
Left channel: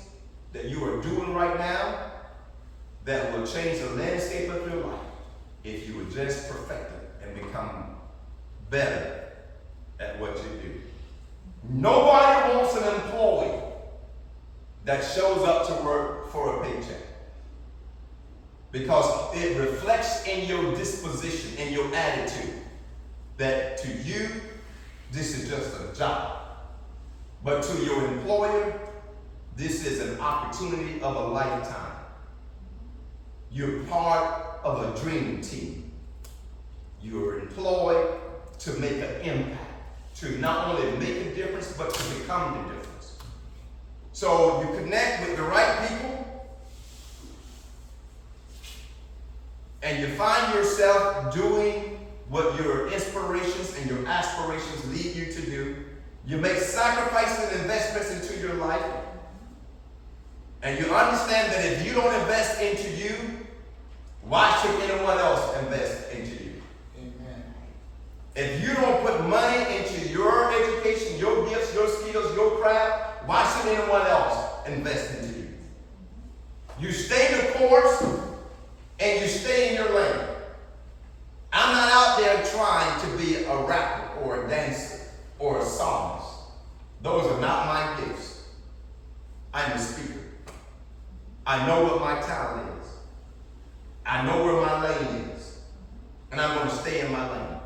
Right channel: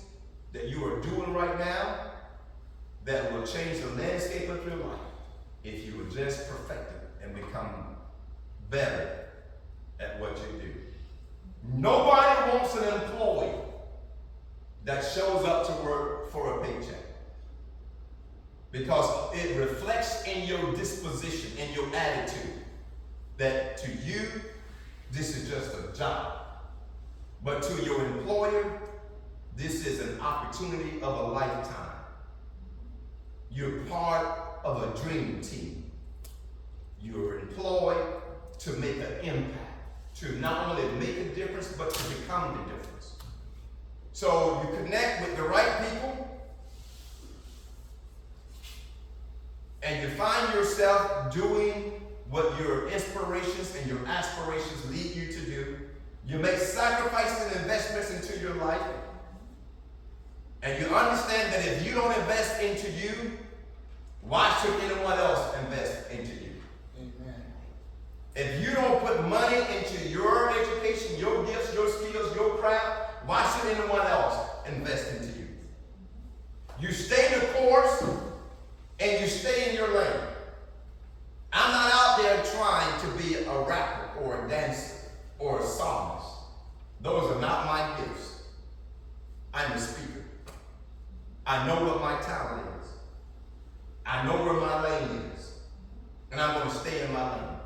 that you are doing right now that will change the landscape of your life if you would just perfect it and become better at what you do. Nobody wants an employee that shows up to work for a paycheck, because it reflects in your disposition, in your attitude, that to you, this is just a job. But to your employer, this is an opportunity of a lifetime. You're part of a dream team. You're employed to make an impact, to not only make a difference, but to become the difference. So you connect with the right people, and you find yourself doing what your inspirations and your aspirations lead you to do. You make sacrifices and investments into your life. And you understand that if you don't invest into you, why should anyone else invest into you? Amen. If you don't put money into your education, your gifts, your skills, your craft, why should anyone else invest into you? You stay the course and you stay in your lane. I'm not out there trying to be a rapper or a dancer or a psalmist. Those are not my gifts. I'm a speaker. I know what my talent is. I know where my lane is. And I'm going to stay in my lane.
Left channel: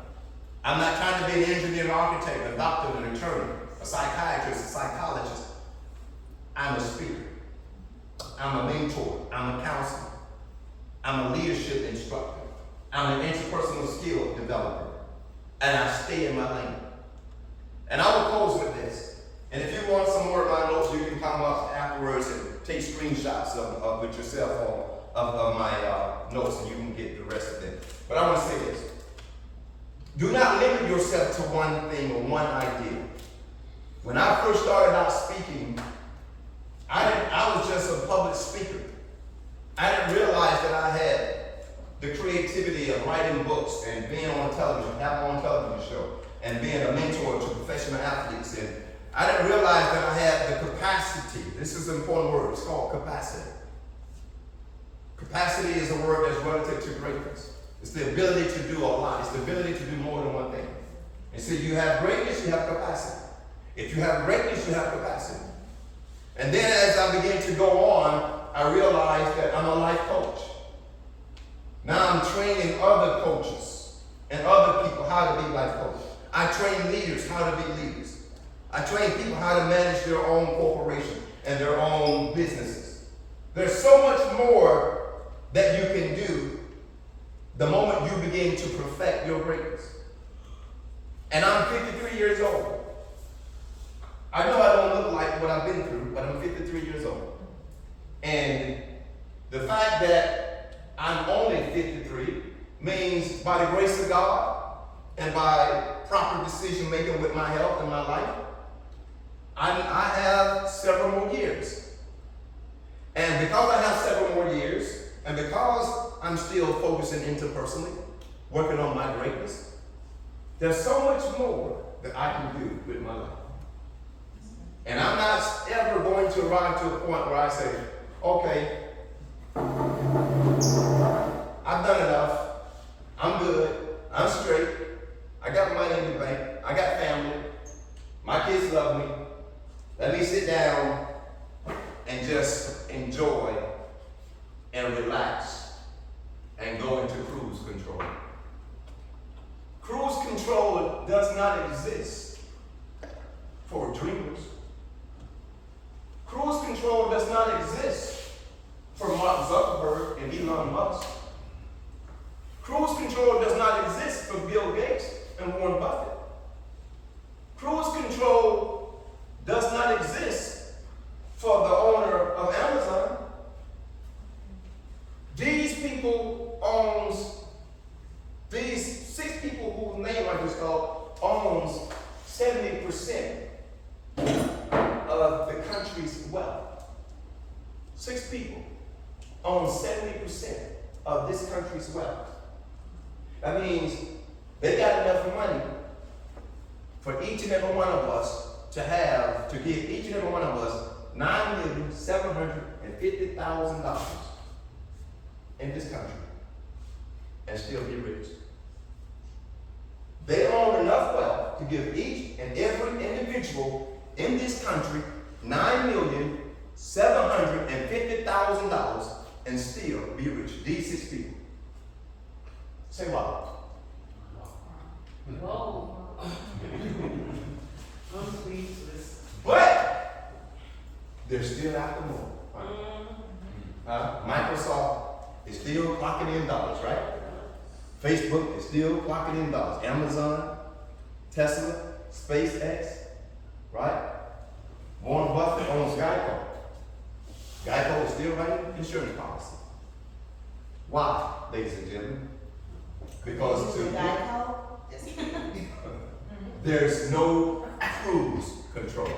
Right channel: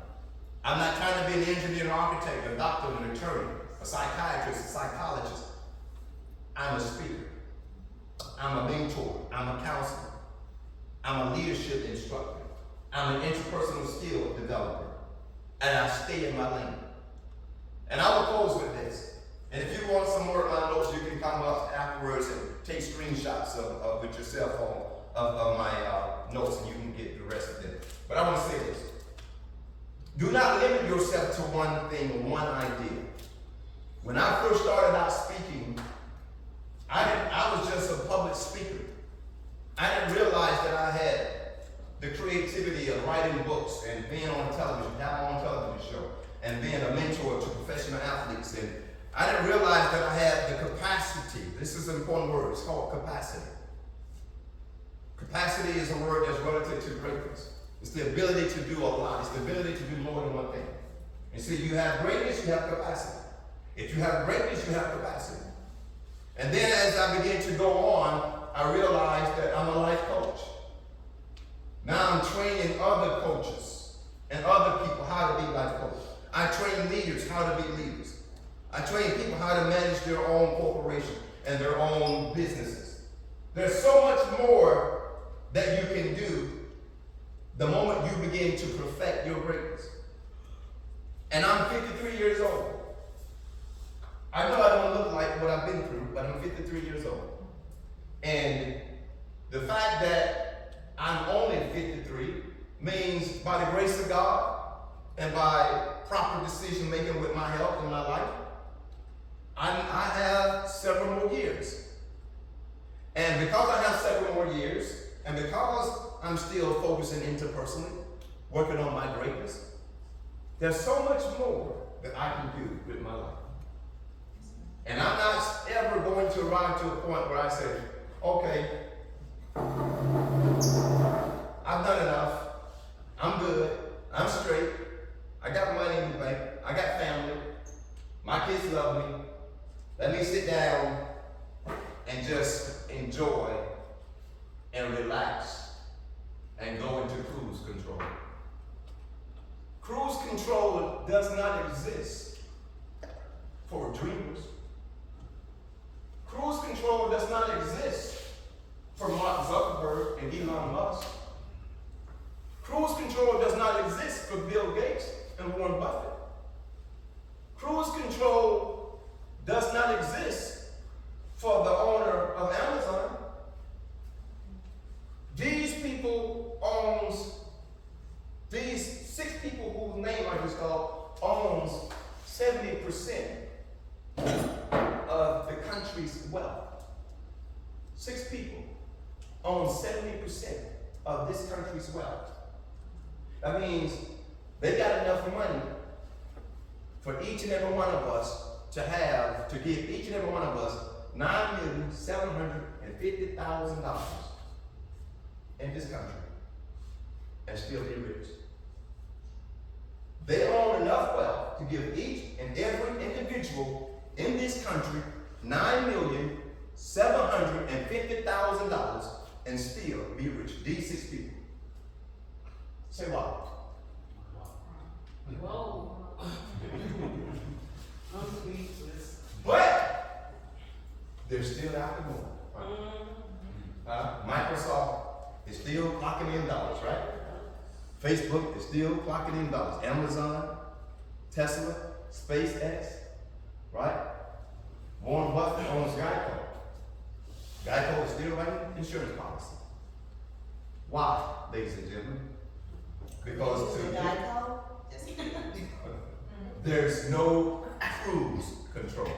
I'm not trying to be an engineer, an architect, a doctor, an attorney, a psychiatrist, a psychologist. I'm a speaker. I'm a mentor. I'm a counselor. I'm a leadership instructor. I'm an interpersonal skill developer. And I stay in my lane. And I will close with this. And if you want some more of my notes, you can come up afterwards and take screenshots with your cell phone of my notes, and you can get the rest of them. But I want to say this. Do not limit yourself to one thing or one idea. When I first started out speaking, I was just a public speaker. I didn't realize that I had the creativity of writing books and being on television, having my own television show, and being a mentor to professional athletes. And I didn't realize that I had the capacity. This is an important word. It's called capacity. Capacity is a word that's relative to greatness. It's the ability to do a lot. It's the ability to do more than one thing. And so you have greatness, you have capacity. If you have greatness, you have capacity. And then as I began to go on, I realized that I'm a life coach. Now I'm training other coaches and other people how to be life coaches. I train leaders how to be leaders. I train people how to manage their own corporation and their own businesses. There's so much more that you can do the moment you begin to perfect your greatness. And I'm 53 years old. I know I don't look like what I've been through, but I'm 53 years old. And the fact that I'm only 53 means by the grace of God and by proper decision making with my health and my life, I have several more years. And because I have several more years, and because I'm still focusing interpersonally, working on my greatness, there's so much more that I can do with my life. And I'm not ever going to arrive to a point where I say, okay, I've done enough, I'm good, I'm straight, I got money in the bank. I got family. My kids love me. Let me sit down and just enjoy and relax and go into cruise control. Cruise control does not exist for dreamers. Cruise control does not exist for Mark Zuckerberg and Elon Musk. Cruise control does not exist for Bill Gates and Warren Buffett. Cruise control does not exist for the owner of Amazon. These people owns, these 6 people whose name I just called, owns 70% of the country's wealth. 6 people own 70% of this country's wealth. That means they got enough money for each and every one of us to give each and every one of us $9,750,000 in this country and still be rich. They own enough wealth to give each and every individual in this country $9,750,000 and still be rich. These 6 people. Say what? Whoa. But they're still after more. Right? Microsoft is still clocking in dollars, right? Facebook is still clocking in dollars. Amazon, Tesla, SpaceX, right? Warren Buffett owns Geico. Geico is still writing insurance policy. Why, ladies and gentlemen? Because Geico? Just there's no cruise control.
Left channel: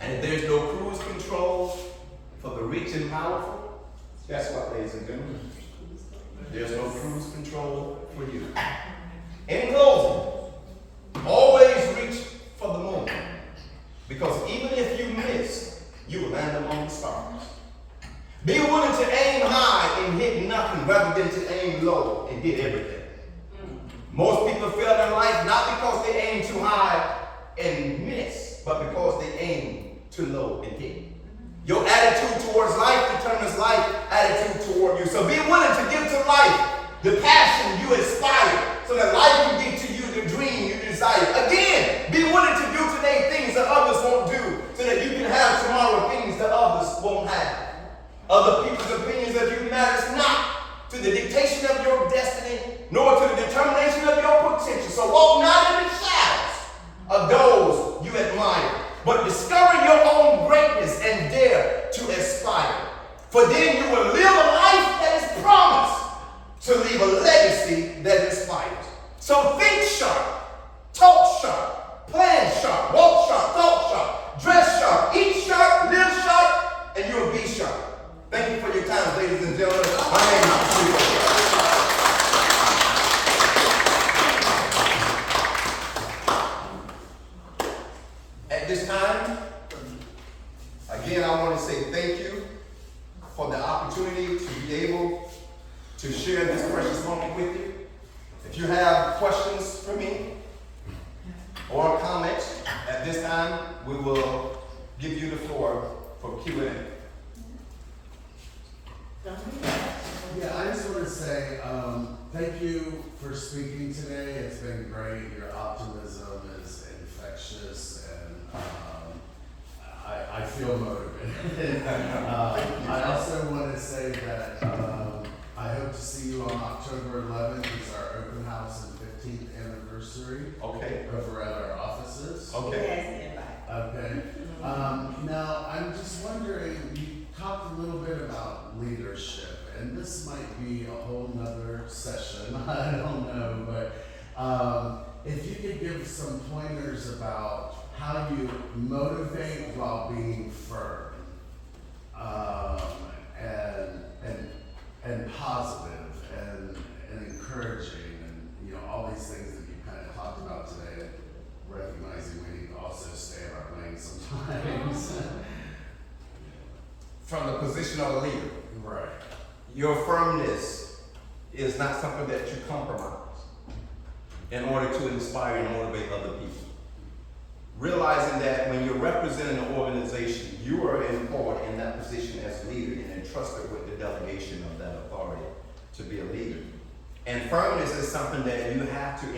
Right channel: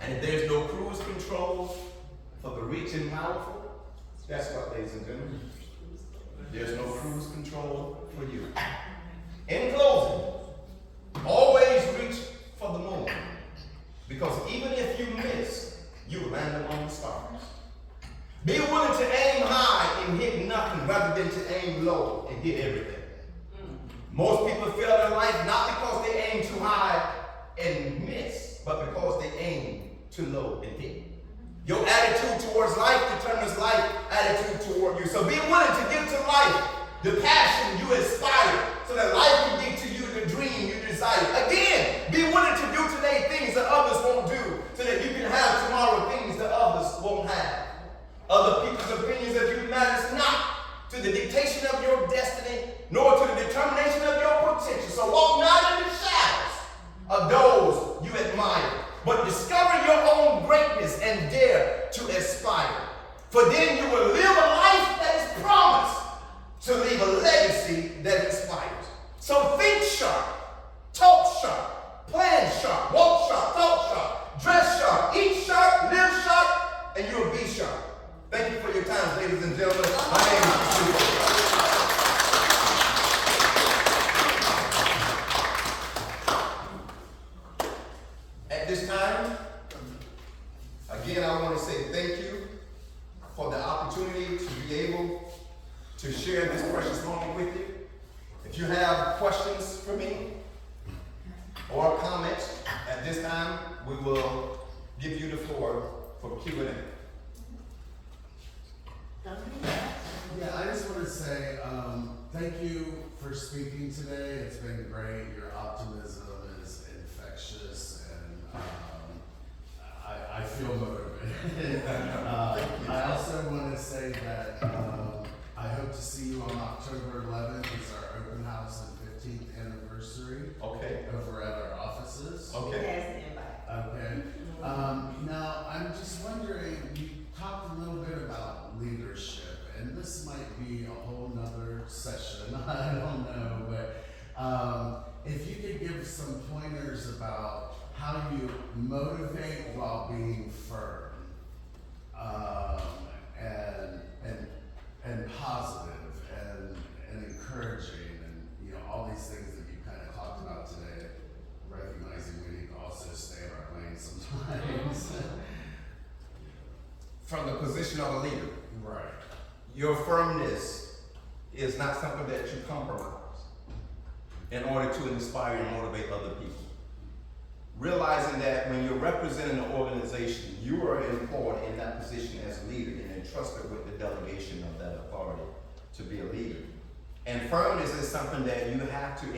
And if there's no cruise control for the rich and powerful, guess what, ladies and gentlemen? There's no cruise control for you. In closing, always reach for the moon. Because even if you miss, you will land among the stars. Be willing to aim high and hit nothing rather than to aim low and hit everything. Most people fail in life not because they aim too high and miss, but because they aim too low and hit. Your attitude towards life determines life attitude toward you. So be willing to give to life the passion you aspire so that life can give to you the dream you desire. Again, be willing to do today things that others won't do so that you can have tomorrow things that others won't have. Other people's opinions of you matters not to the dictation of your destiny, nor to the determination of your potential. So walk not in the shadows of those you admire, but discover your own greatness and dare to aspire. For then you will live a life that is promised to leave a legacy that inspires. So think sharp, talk sharp, plan sharp, walk sharp, talk sharp, dress sharp, eat sharp, live sharp, and you'll be sharp. Thank you for your time, ladies and gentlemen. My name is Steve. At this time, again, I want to say thank you for the opportunity to be able to share this precious moment with you. If you have questions for me or comments, at this time, we will give you the floor for Q&A. Yeah, I just want to say thank you for speaking today. It's been great. Your optimism is infectious, and I feel motivated. I also want to say that I hope to see you on October 11th. It's our open house and 15th anniversary. Okay. Over at our offices. Okay. Okay. Now, I'm just wondering, you talked a little bit about leadership, and this might be a whole nother session, I don't know, but if you could give some pointers about how you motivate while being firm, and positive and encouraging, and all these things that you kind of talked about today, recognizing we need to also stay in our lane sometimes. From the position of a leader, Right. your firmness is not something that you compromise. in order to inspire and motivate other people. Realizing that when you're representing an organization, you are employed in that position as leader and entrusted with the delegation of that authority to be a leader. And firmness is something that you have to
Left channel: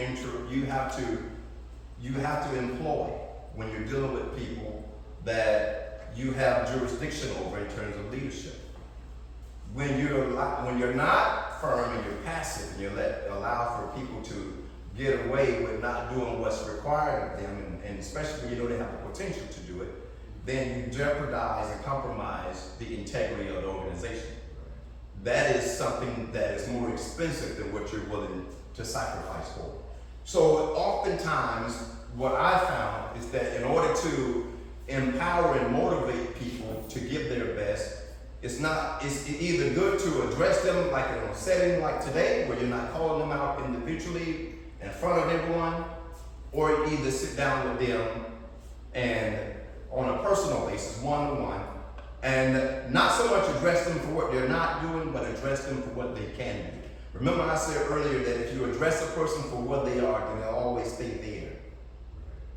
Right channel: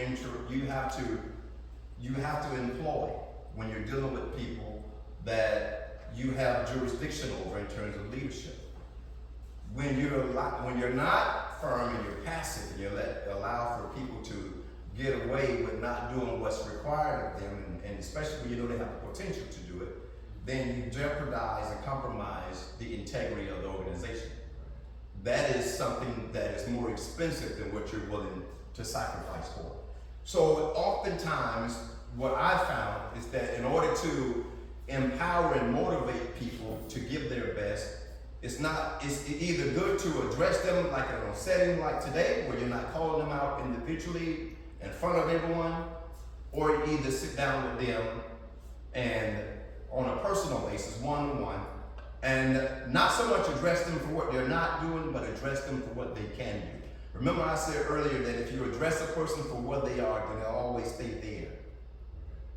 employ when you're dealing with people that you have jurisdiction over in terms of leadership. When you're not firm and you're passive, and you allow for people to get away with not doing what's required of them, and especially when you know they have the potential to do it, then you jeopardize and compromise the integrity of the organization. That is something that is more expensive than what you're willing to sacrifice for. So oftentimes, what I found is that in order to empower and motivate people to give their best, it's either good to address them like in a setting like today, where you're not calling them out individually in front of everyone, or either sit down with them and on a personal basis, one-on-one, and not so much address them for what they're not doing, but address them for what they can do. Remember I said earlier that if you address a person for what they are, then they'll always stay there.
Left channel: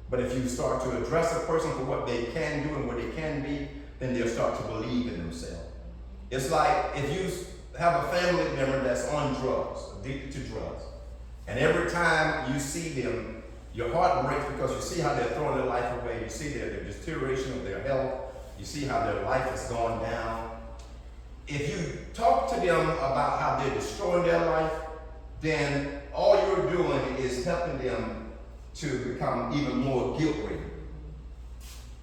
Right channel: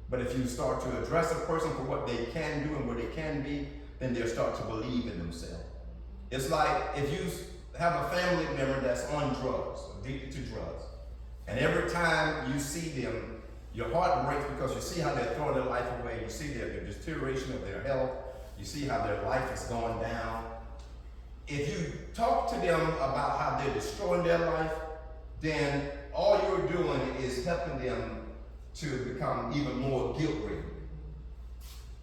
But if you start to address a person for what they can do and what they can be, then they'll start to believe in themselves. It's like if you have a family member that's on drugs, addicted to drugs, and every time you see them, your heart breaks because you see how they're throwing their life away, you see their deterioration of their health, you see how their life is going down. If you talk to them about how they're destroying their life, then all you're doing is helping them to become even more guilt-ridden.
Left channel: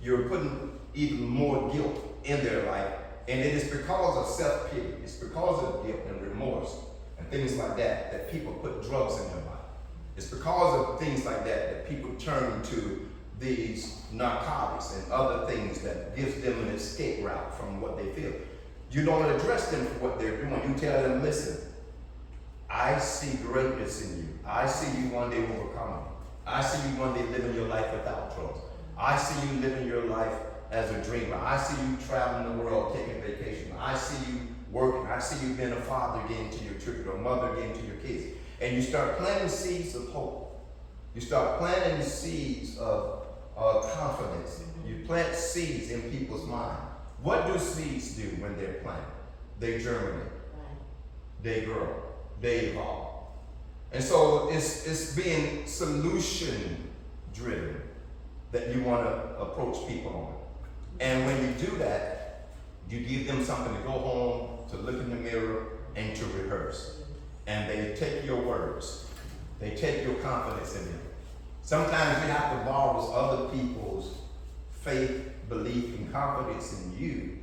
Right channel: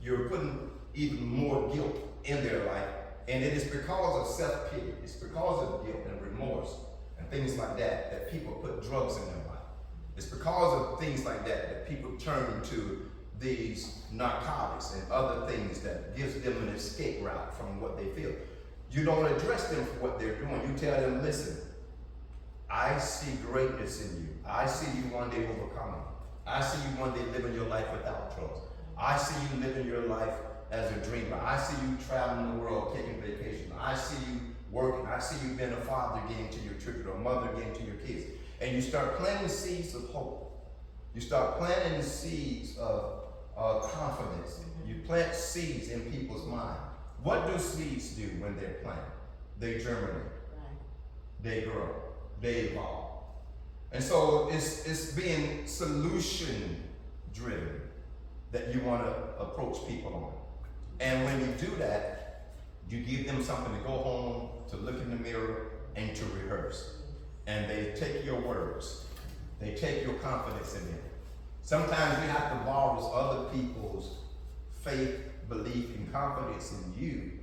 You're putting even more guilt in their life, and it is because of self-pity, it's because of guilt and remorse and things like that that people put drugs in their life. It's because of things like that that people turn to these narcotics and other things that gives them an escape route from what they feel. You don't address them for what they're doing. You tell them, listen, I see greatness in you. I see you one day overcoming. I see you one day living your life without drugs. I see you living your life as a dreamer. I see you traveling the world, taking vacation. I see you working. I see you being a father getting to your children, or a mother getting to your kids. And you start planting seeds of hope. You start planting the seeds of confidence. You plant seeds in people's mind. What do seeds do when they're planted? They germinate. They grow. They evolve. And so it's being solution driven that you want to approach people on. And when you do that, you give them something to go home, to look in the mirror, and to rehearse. And they take your words. They take your confidence in them. Sometimes you have to borrow other people's faith, belief, and confidence in you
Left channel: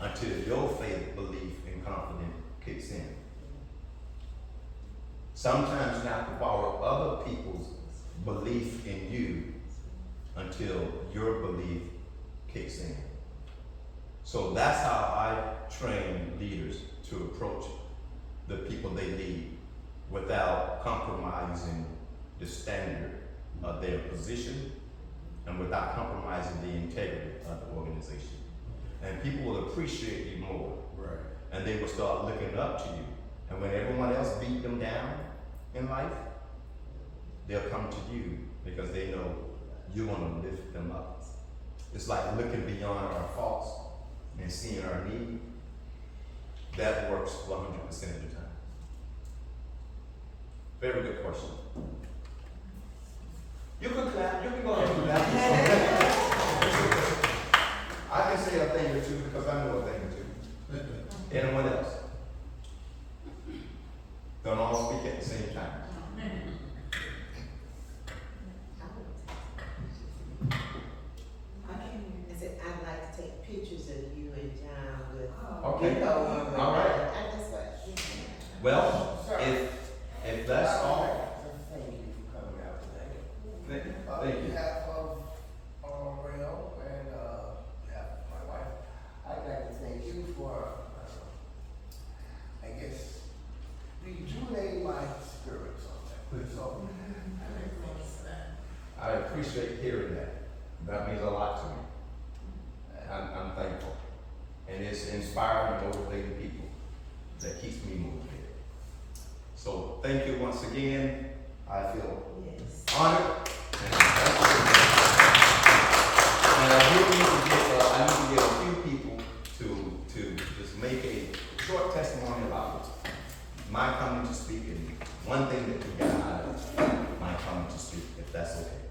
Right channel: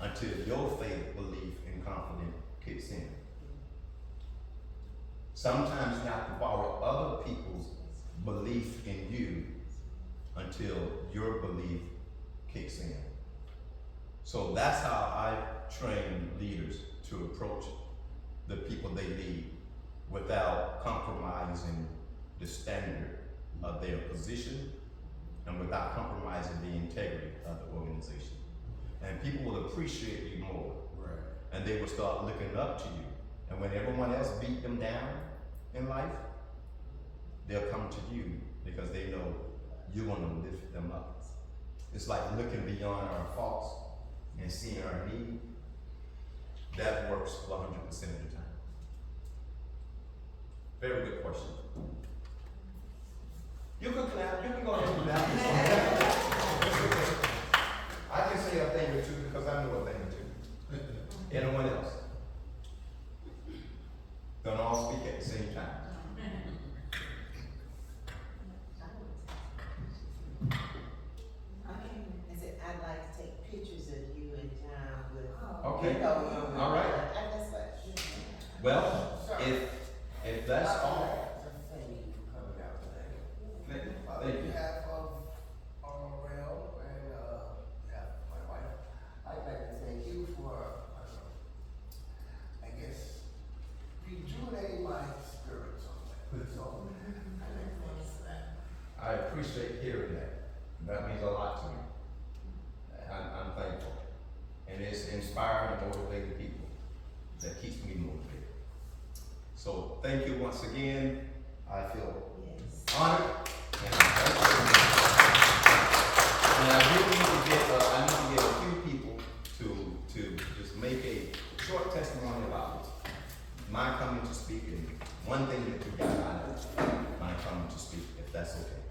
until your faith, belief, and confidence kicks in. Sometimes you have to borrow other people's belief in you until your belief kicks in. So that's how I train leaders to approach the people they lead without compromising the standard of their position and without compromising the integrity of the organization. And people will appreciate you more. Right. And they will start looking up to you. And when everyone else beat them down in life, they'll come to you because they know you're going to lift them up. It's like looking beyond our faults and seeing our need. That works 100% of the time. Very good question. You can clap. You can go ahead and clap. I can say a thing or two because I know a thing or two. Anyone else? Don't all speak at the same time. I said, I'd like to take pictures of you and John with, Okay. you know, All right. And that's what. Well, if that's all, Thank you for coming out today. thank you. On behalf of Rail and behalf of my wife, I'd like to thank you for, I guess, rejuvenating my spirits on that. So, I think thanks for that. I appreciate hearing that. That means a lot to me. I'm thankful. And it's inspiring and motivating people that keeps me motivated. So thank you once again. I feel Yes. honored. And I do need to get, I need to get a few people to just make a short testimony about my coming to speak and one thing that we got out of my coming to speak, if that's okay.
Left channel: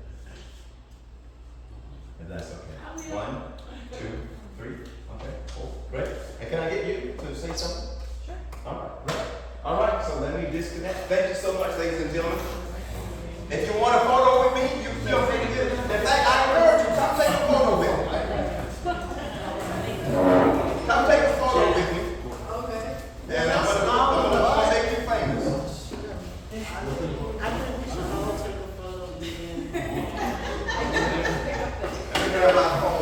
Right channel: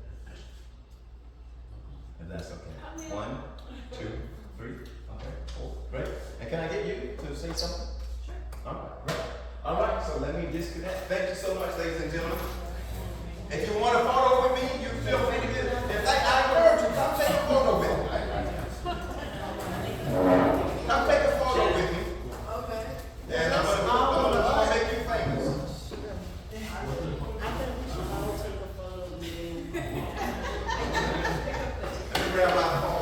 If that's okay. 1, 2, 3, okay, 4, great. And can I get you to say something? Sure. All right, great. All right, so let me disconnect. Thank you so much, ladies and gentlemen. If you want a photo with me, you feel free to get it. In fact, I encourage you, come take a photo with me. Come take a photo with me. Okay. And I'm gonna make you famous. I think we should all take a photo with them. Let me grab my phone.